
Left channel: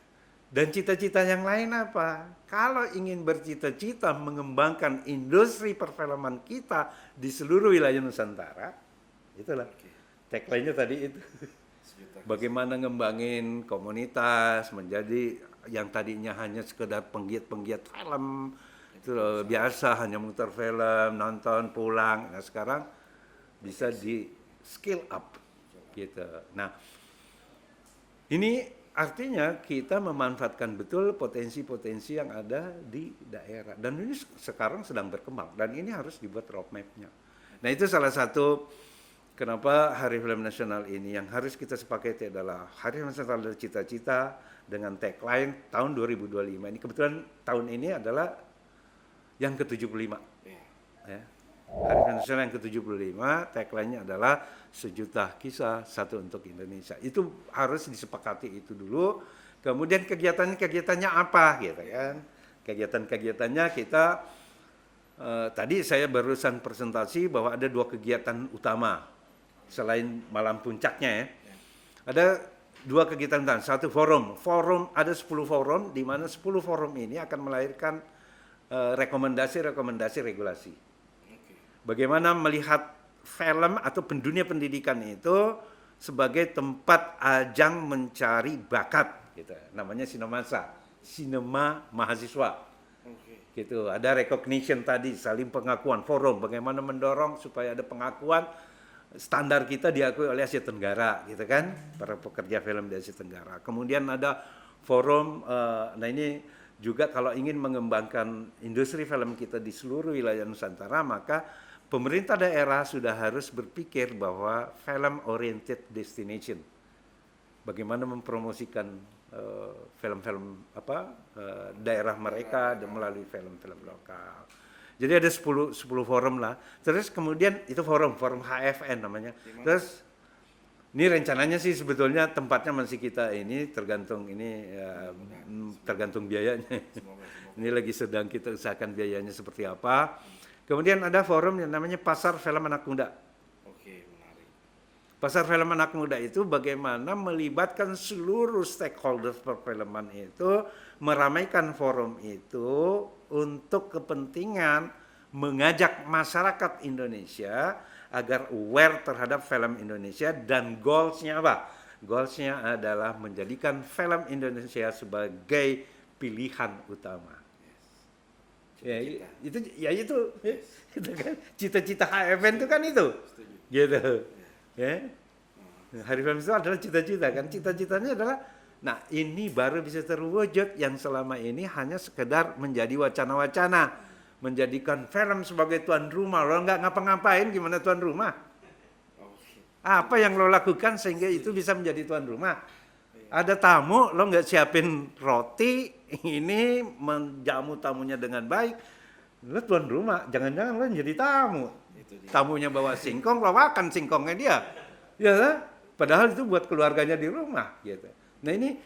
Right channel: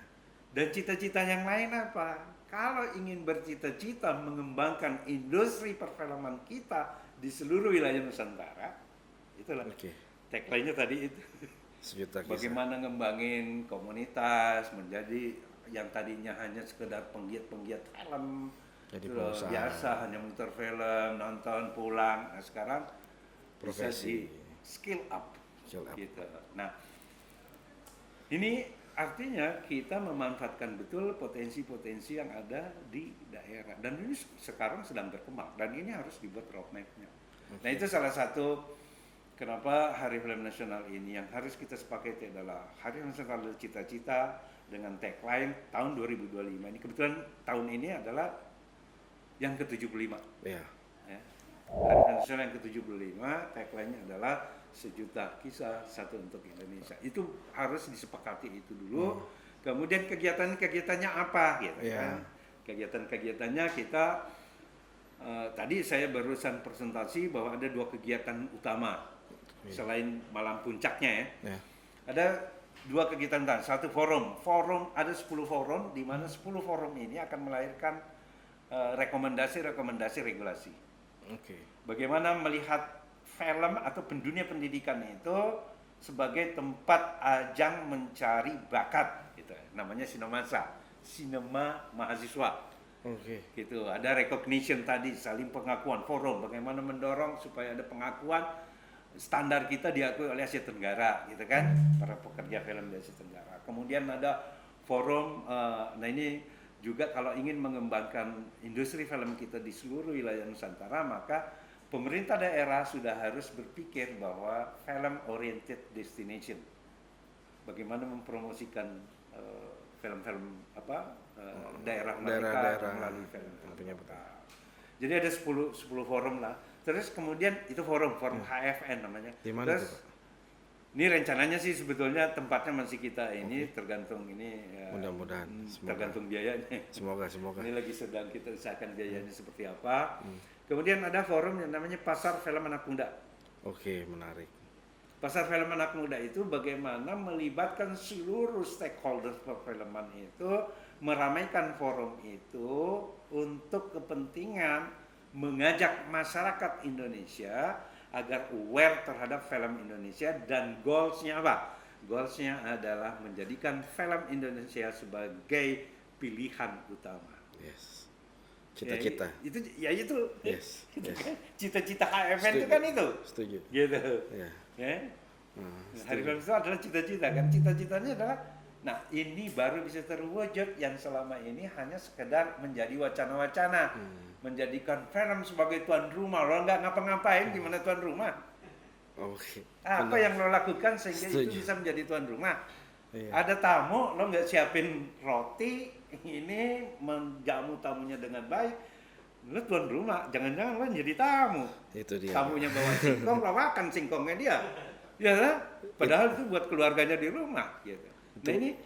Dan cita-cita yang lain apa? Kalau ingin bercita-cita mengembangkan industri perfilman kita di seluruh wilayah Nusantara, itulah tagline-nya tadi itu. Sejuta kisah. Bagaimana ngembangin komunitas menjadi yang tadinya hanya sekedar penggiat-penggiat film, itu biasa hanya muter film, nonton, pulang. Nah sekarang bisa di skill up. Gitu. Nah, ini artinya kita memanfaatkan betul potensi-potensi yang ada di daerah, dan ini sekarang sedang berkembang dan ini harus dibuat roadmap-nya. Nah itu salah satu kenapa Hari Film Nasional ini yang harus kita sepakati adalah Hari Film Nasional dari cita-cita dengan tagline tahun 2025 ini. Kebetulan tahun ini adalah yang ke-75. Ya. Ya. Hari Film Nasional yang ke-75, tagline-nya adalah sejuta kisah satu untuk Indonesia. Itu harus disepakati itu dulu. Kemudian kegiatannya apa gitu ya. Kegiatan-kegiatannya kita tadi saya barusan presentasi bahwa ada 2 kegiatan utama selain malam puncaknya ya. Ada 2 kegiatan utama, satu forum. Ada 10 forum di mana 10 forum ini akan melahirkan rekomendasi regulasi. Bagaimana melihat film atau dunia pendidikan itu sebagai tempat ajang mencari bakat gitu. Namanya sinema mahasiswa. Gitu. Ada recognition tadi, saling pengakuan, forum bagaimana mendorong supaya ada pengakuan standar kita diakui oleh Asia Tenggara gitu kan, para pekerja film di Asia Tenggara. Kemudian ada forum nah ini juga kalau ingin mengembangkan industri film kita di seluruh wilayah Nusantara, maka pemerintah daerah sudah harus berpikir bahwa film oriented destination. Bagaimana mempromosikan film-film daerah mereka melalui film-filmnya lokal. Jadi ada 10 forum lah. Terus kemudian itu forum HFN namanya. Terus ini rencananya sih sebetulnya tempatnya masih kita ini tergantung ini mudah-mudahan tergantung biayanya. Semoga. Ini lagi sedang kita usahakan biayanya seperti apa. Kemudian ada forum yang namanya Pasar Film Anak Muda. Menarik. Pasar Film Anak Muda itu bagaimana melibatkan seluruh stakeholder perfilman itu, meramaikan forum itu untuk kepentingan mengajak masyarakat Indonesia agar aware terhadap film Indonesia, dan goalsnya apa? Goalsnya adalah menjadikan film Indonesia sebagai pilihan utama. Cita-cita. Itu. Cita-cita HFN itu kan itu. Setuju. Gitu. Ya. Hari Film itu adalah cita-cita kan. Cita-citanya adalah, nah ini baru bisa terwujud yang selama ini hanya sekedar menjadi wacana-wacana. Menjadikan film sebagai tuan rumah. Lo nggak ngapa-ngapain gimana tuan rumah? Apa yang lo lakukan sehingga itu bisa menjadi tuan rumah? Ada tamu, lo nggak siapin roti, ini menjamu tamunya dengan baik, lo tuan rumah, jangan-jangan lo jadi tamu. Itu dia. Tamunya bawa singkong, lo makan singkongnya dia. Ya kan? Padahal itu buat keluarganya di rumah. Gitu. Nah ini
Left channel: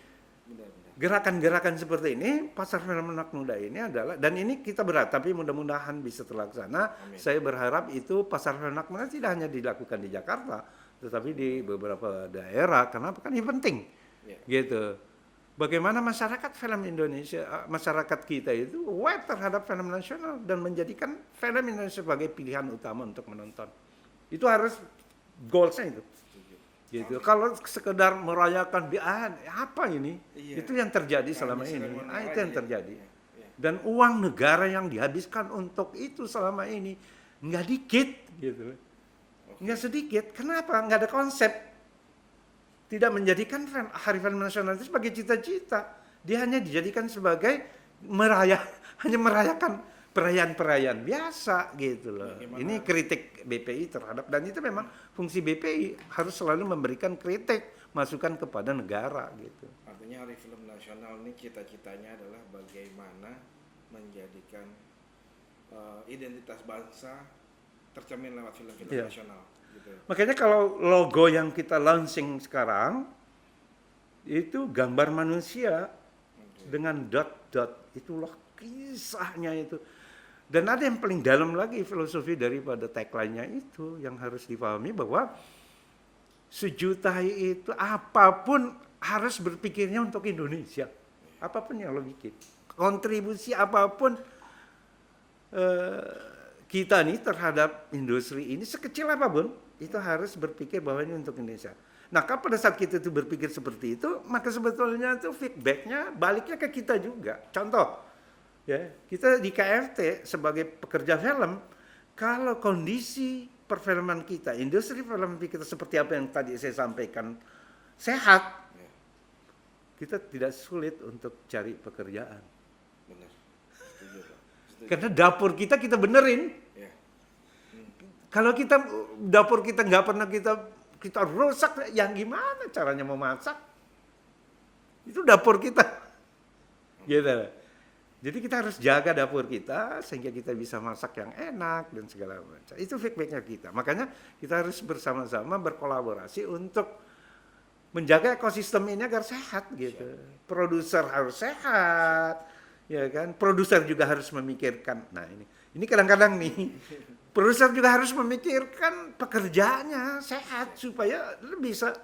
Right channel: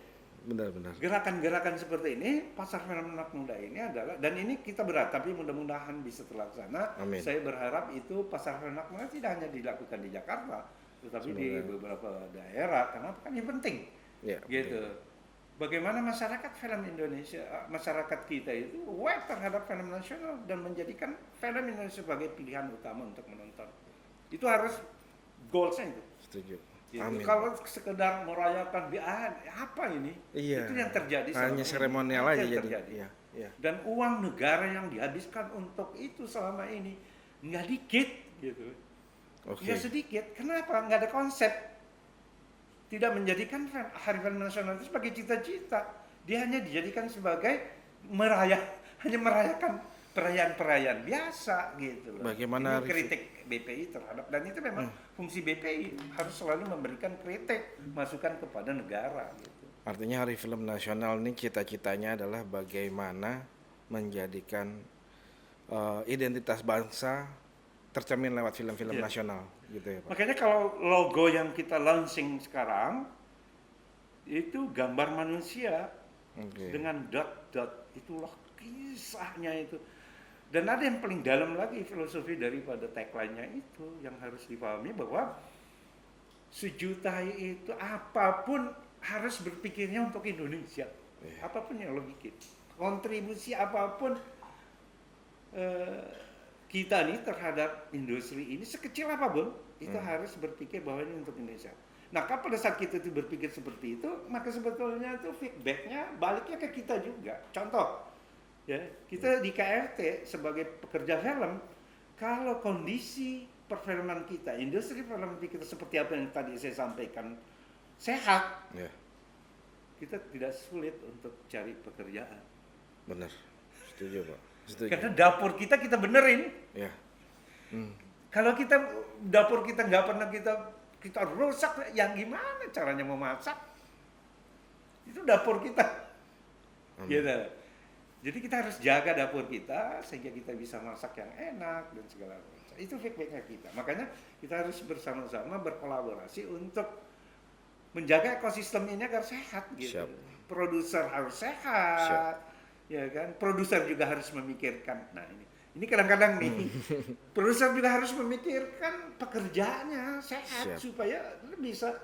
benar-benar gerakan-gerakan seperti ini, Pasar Film Anak Muda ini adalah, dan ini kita berat, tapi mudah-mudahan bisa terlaksana. Amin. Saya berharap itu Pasar Film Anak Muda tidak hanya dilakukan di Jakarta, tetapi di beberapa daerah, karena kan ini penting. Gitu. Bagaimana masyarakat film Indonesia, masyarakat kita itu aware terhadap film nasional dan menjadikan film Indonesia sebagai pilihan utama untuk menonton. Itu harus goalsnya itu. Setuju. Gitu. Kalau sekedar merayakan apa ini? Itu yang terjadi selama ini. Seremonial aja yang terjadi. Dan uang negara yang dihabiskan untuk itu selama ini nggak dikit, gitu. Nggak sedikit. Kenapa? Nggak ada konsep. Tidak menjadikan Hari Film Nasional itu sebagai cita-cita. Dia hanya dijadikan sebagai hanya merayakan perayaan-perayaan biasa gitu loh. Bagaimana Ini kritik BPI terhadap, dan itu memang fungsi BPI harus selalu memberikan kritik, masukan kepada negara gitu. Artinya Hari Film Nasional ini cita-citanya adalah bagaimana menjadikan identitas bangsa tercermin lewat film-film Iya. nasional gitu ya Pak. Makanya kalau logo yang kita launching sekarang itu gambar manusia Oke. dengan dot-dot, itulah kisahnya itu. Dan ada yang paling dalam lagi filosofi daripada tagline-nya itu yang harus dipahami, bahwa Sujutai itu apapun harus berpikirnya untuk Indonesia. Apapun yang lo bikin, kontribusi apapun kita nih terhadap industri ini, sekecil apapun, itu harus berpikir bahwa ini untuk Indonesia. Nah, pada saat kita itu berpikir seperti itu, maka sebetulnya itu feedbacknya baliknya ke kita juga. Contoh, ya, kita di KFT sebagai pekerja film, kalau kondisi perfilman kita, industri film kita seperti apa yang tadi saya sampaikan, sehat, Ya, kita tidak sulit untuk cari pekerjaan. benar. Setuju Pak. Setuju. Karena dapur kita benerin. Ya. Kalau kita dapur kita nggak pernah kita rusak, yang gimana caranya memasak? Itu dapur kita. Gitu. Jadi kita harus jaga dapur kita sehingga kita bisa masak yang enak dan segala macam. Itu feedbacknya kita. Makanya kita harus bersama-sama berkolaborasi untuk menjaga ekosistem ini agar sehat gitu. Siap. Produser harus sehat, ya kan? Produser juga harus memikirkan. Nah ini kadang-kadang nih, produser juga harus memikirkan pekerjaannya sehat supaya bisa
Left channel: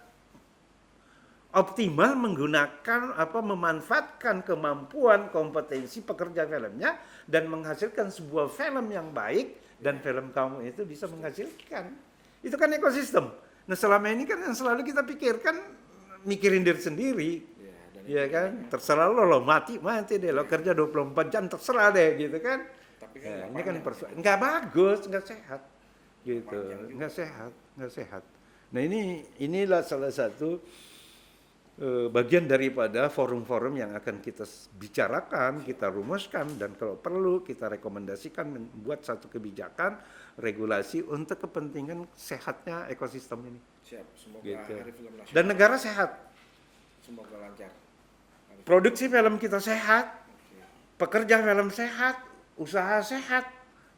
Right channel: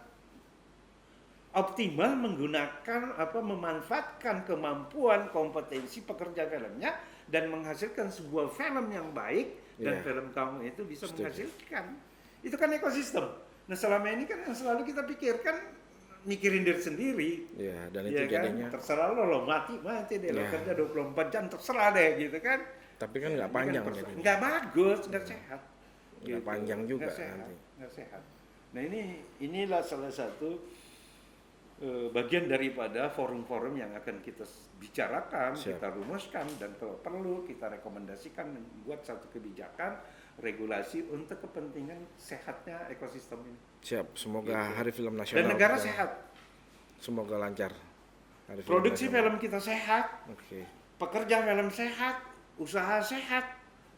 optimal menggunakan memanfaatkan kemampuan kompetensi pekerja filmnya dan menghasilkan sebuah film yang baik dan film kamu itu bisa menghasilkan. Itu kan ekosistem. Nah, selama ini kan yang selalu kita pikirkan mikirin diri sendiri. Ya, dan itu Ya kan? jadinya. Terserah lo mati deh, lo kerja 24 jam terserah deh gitu kan. Tapi kan nggak Ini panjang. kan jadinya. nggak bagus, nggak sehat. Nggak panjang juga. Nggak sehat. Nah inilah salah satu bagian daripada forum-forum yang akan kita bicarakan, kita rumuskan, dan kalau perlu kita rekomendasikan dan buat satu kebijakan regulasi untuk kepentingan sehatnya ekosistem ini. Siap. Semoga Gitu. Hari Film Nasional. Dan negara sehat, Semoga lancar. Hari Film produksi Nasional. film kita sehat, Oke. pekerja film sehat, usaha sehat,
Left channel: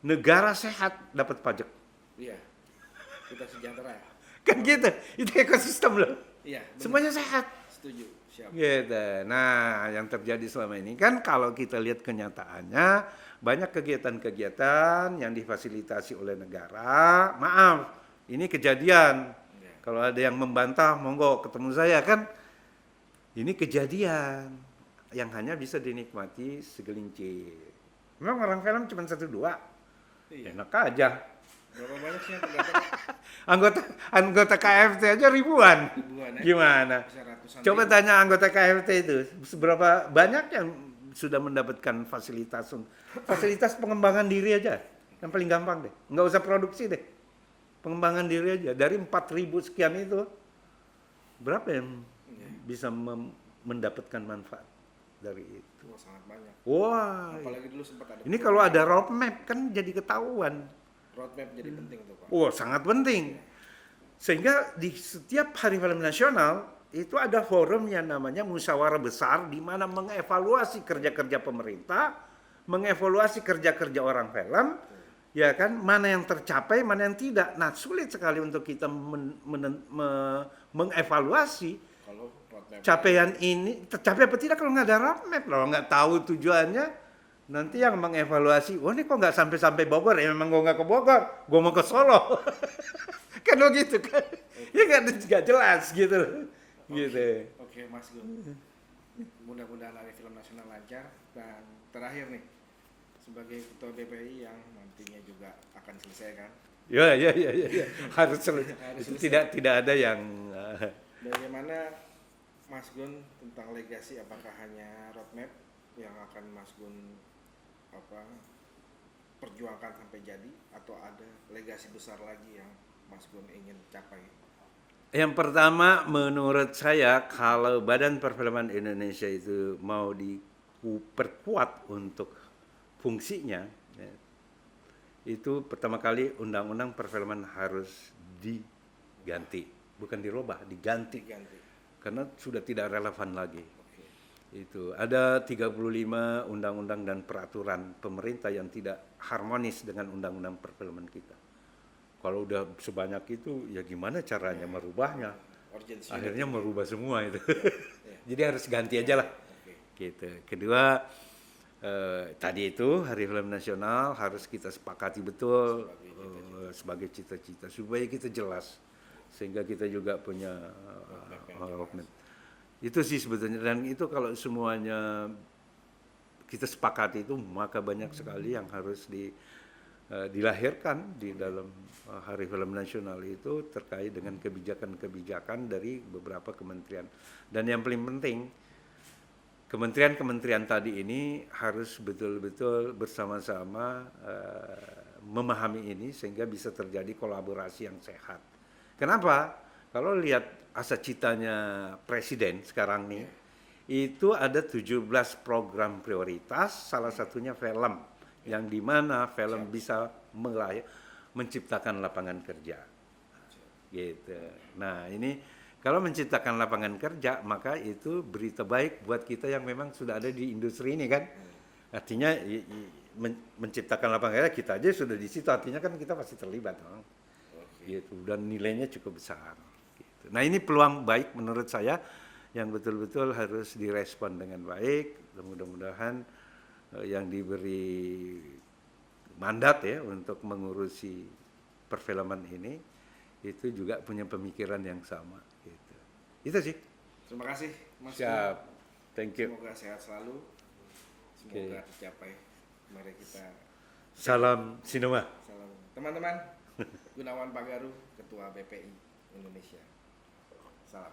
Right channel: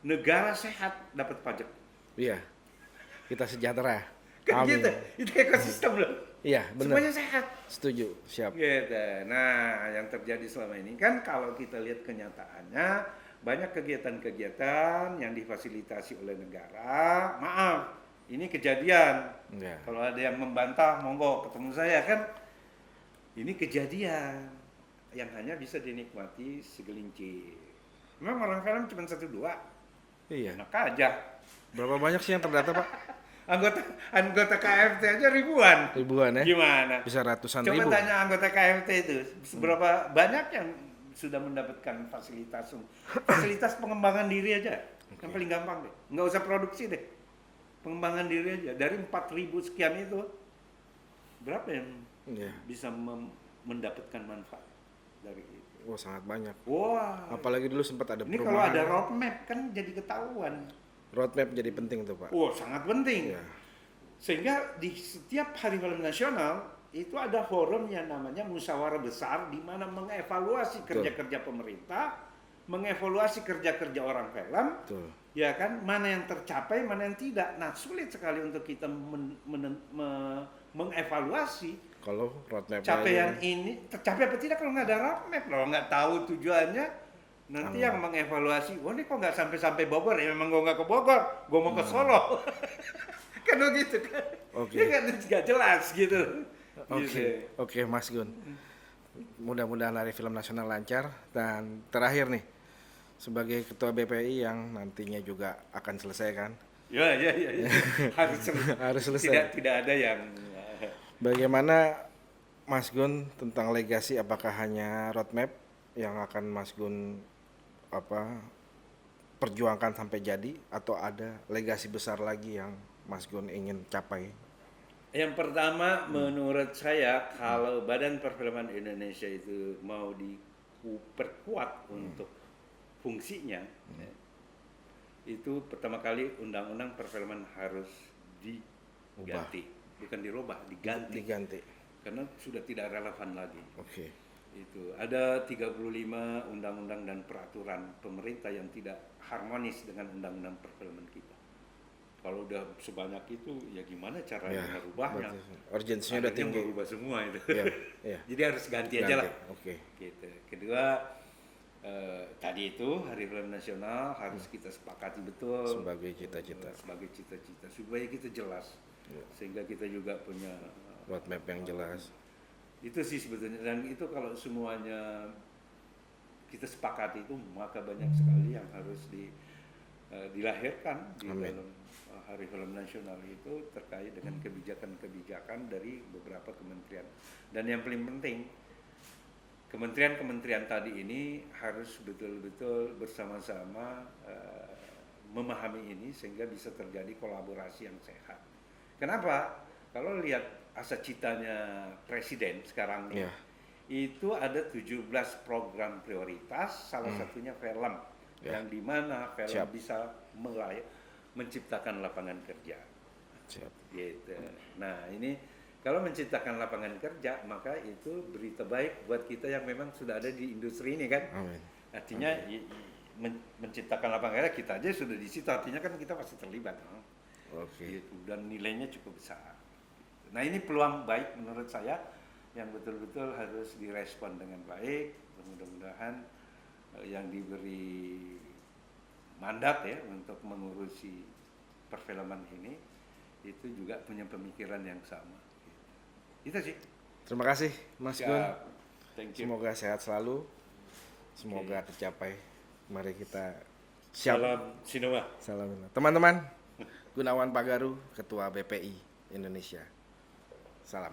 negara sehat, dapat pajak. Iya. Kita sejahtera. Kan Amin. gitu, itu ekosistem loh. Iya, benar. Semuanya sehat. Setuju. Siap. Gitu. Nah, yang terjadi selama ini kan kalau kita lihat kenyataannya, banyak kegiatan-kegiatan yang difasilitasi oleh negara. Maaf, ini kejadian. Iya. Kalau ada yang membantah, monggo ketemu saya kan. Ini kejadian yang hanya bisa dinikmati segelintir. Memang orang film cuma 1-2. Iya. Enak aja. Berapa banyak sih yang terdata Pak? Anggota KFT aja ribuan. Ribuan ya? Gimana? Bisa ratusan Coba ribu. tanya anggota KFT itu, seberapa banyak yang sudah mendapatkan fasilitas pengembangan diri aja. Yang paling gampang deh, nggak usah produksi deh. Pengembangan diri aja, dari 4.000 sekian itu, berapa yang Iya. bisa mendapatkan manfaat dari itu? Wah, sangat banyak. Wah, Apalagi dulu sempat ada ini kalau perumahan. ada roadmap kan jadi ketahuan. Roadmap jadi penting tuh Pak. Wah, sangat penting. Iya. Sehingga di setiap Hari Film Nasional itu ada forum yang namanya musyawarah besar, di mana mengevaluasi kerja-kerja pemerintah, mengevaluasi kerja-kerja orang film, Betul. ya kan, mana yang tercapai, mana yang tidak. Nah, sulit sekali untuk kita mengevaluasi Kalau roadmap capaian ini tercapai apa tidak kalau nggak ada roadmap, kalau nggak tahu tujuannya. Nanti yang mengevaluasi, wah ini kok nggak sampai Bogor, ya memang gue nggak ke Bogor, gue mau ke Solo. Kan begitu kan. Oke. Ya nggak jelas gitu. Oke, Gitu. oke Mas Gun. Mudah-mudahan Hari Film Nasional lancar. Dan terakhir nih, sebagai Ketua BPI yang nantinya juga akan selesai kan, Ya. Harus Harus selesai. Tidak ada yang bagaimana Mas Gun tentang legasi, apakah hanya roadmap yang akan Mas Gun perjuangkan sampai jadi, atau ada legasi besar lagi yang Mas Gun ingin capai? Yang pertama, menurut saya kalau Badan Perfilman Indonesia itu mau diperkuat untuk fungsinya ya, itu pertama kali undang-undang perfilman harus diganti, bukan dirubah, diganti. Karena sudah tidak relevan lagi. Oke. Itu ada 35 undang-undang dan peraturan pemerintah yang tidak harmonis dengan undang-undang perfilman kita. Kalau udah sebanyak itu, ya gimana caranya merubahnya? Urgensinya udah akhirnya tinggi. merubah semua itu. Iya. Jadi harus ganti aja lah. Oke. Gitu. Kedua, tadi itu Hari Film Nasional harus kita sepakati betul Sebagai cita-cita. sebagai cita-cita supaya kita jelas, sehingga kita juga punya Roadmap yang jelas. Itu sih sebetulnya, dan itu kalau semuanya kita sepakati itu, maka banyak sekali yang harus dilahirkan di dalam Hari Film Nasional itu terkait dengan kebijakan-kebijakan dari beberapa kementerian. Dan yang paling penting, kementerian-kementerian tadi ini harus betul-betul bersama-sama memahami ini sehingga bisa terjadi kolaborasi yang sehat. Kenapa? Kalau lihat asa citanya presiden sekarang nih, itu ada 17 program prioritas, salah satunya film, yang dimana film bisa menciptakan lapangan kerja. Gitu. Nah ini kalau menciptakan lapangan kerja, maka itu berita baik buat kita yang memang sudah ada di industri ini kan. Artinya menciptakan lapangan kerja, kita aja sudah di situ, artinya kan kita pasti terlibat. Gitu. Dan nilainya cukup besar. Nah ini peluang baik menurut saya yang betul-betul harus direspon dengan baik. Mudah-mudahan yang diberi mandat ya untuk mengurusi perfilman ini itu juga punya pemikiran yang sama. Gitu. Itu sih. Terima kasih Mas Gun. Thank you. Semoga sehat selalu. Semoga tercapai. Mari kita Salam Sinema. Salam. Teman-teman, Gunawan Pagaru, Ketua BPI Indonesia. Salam.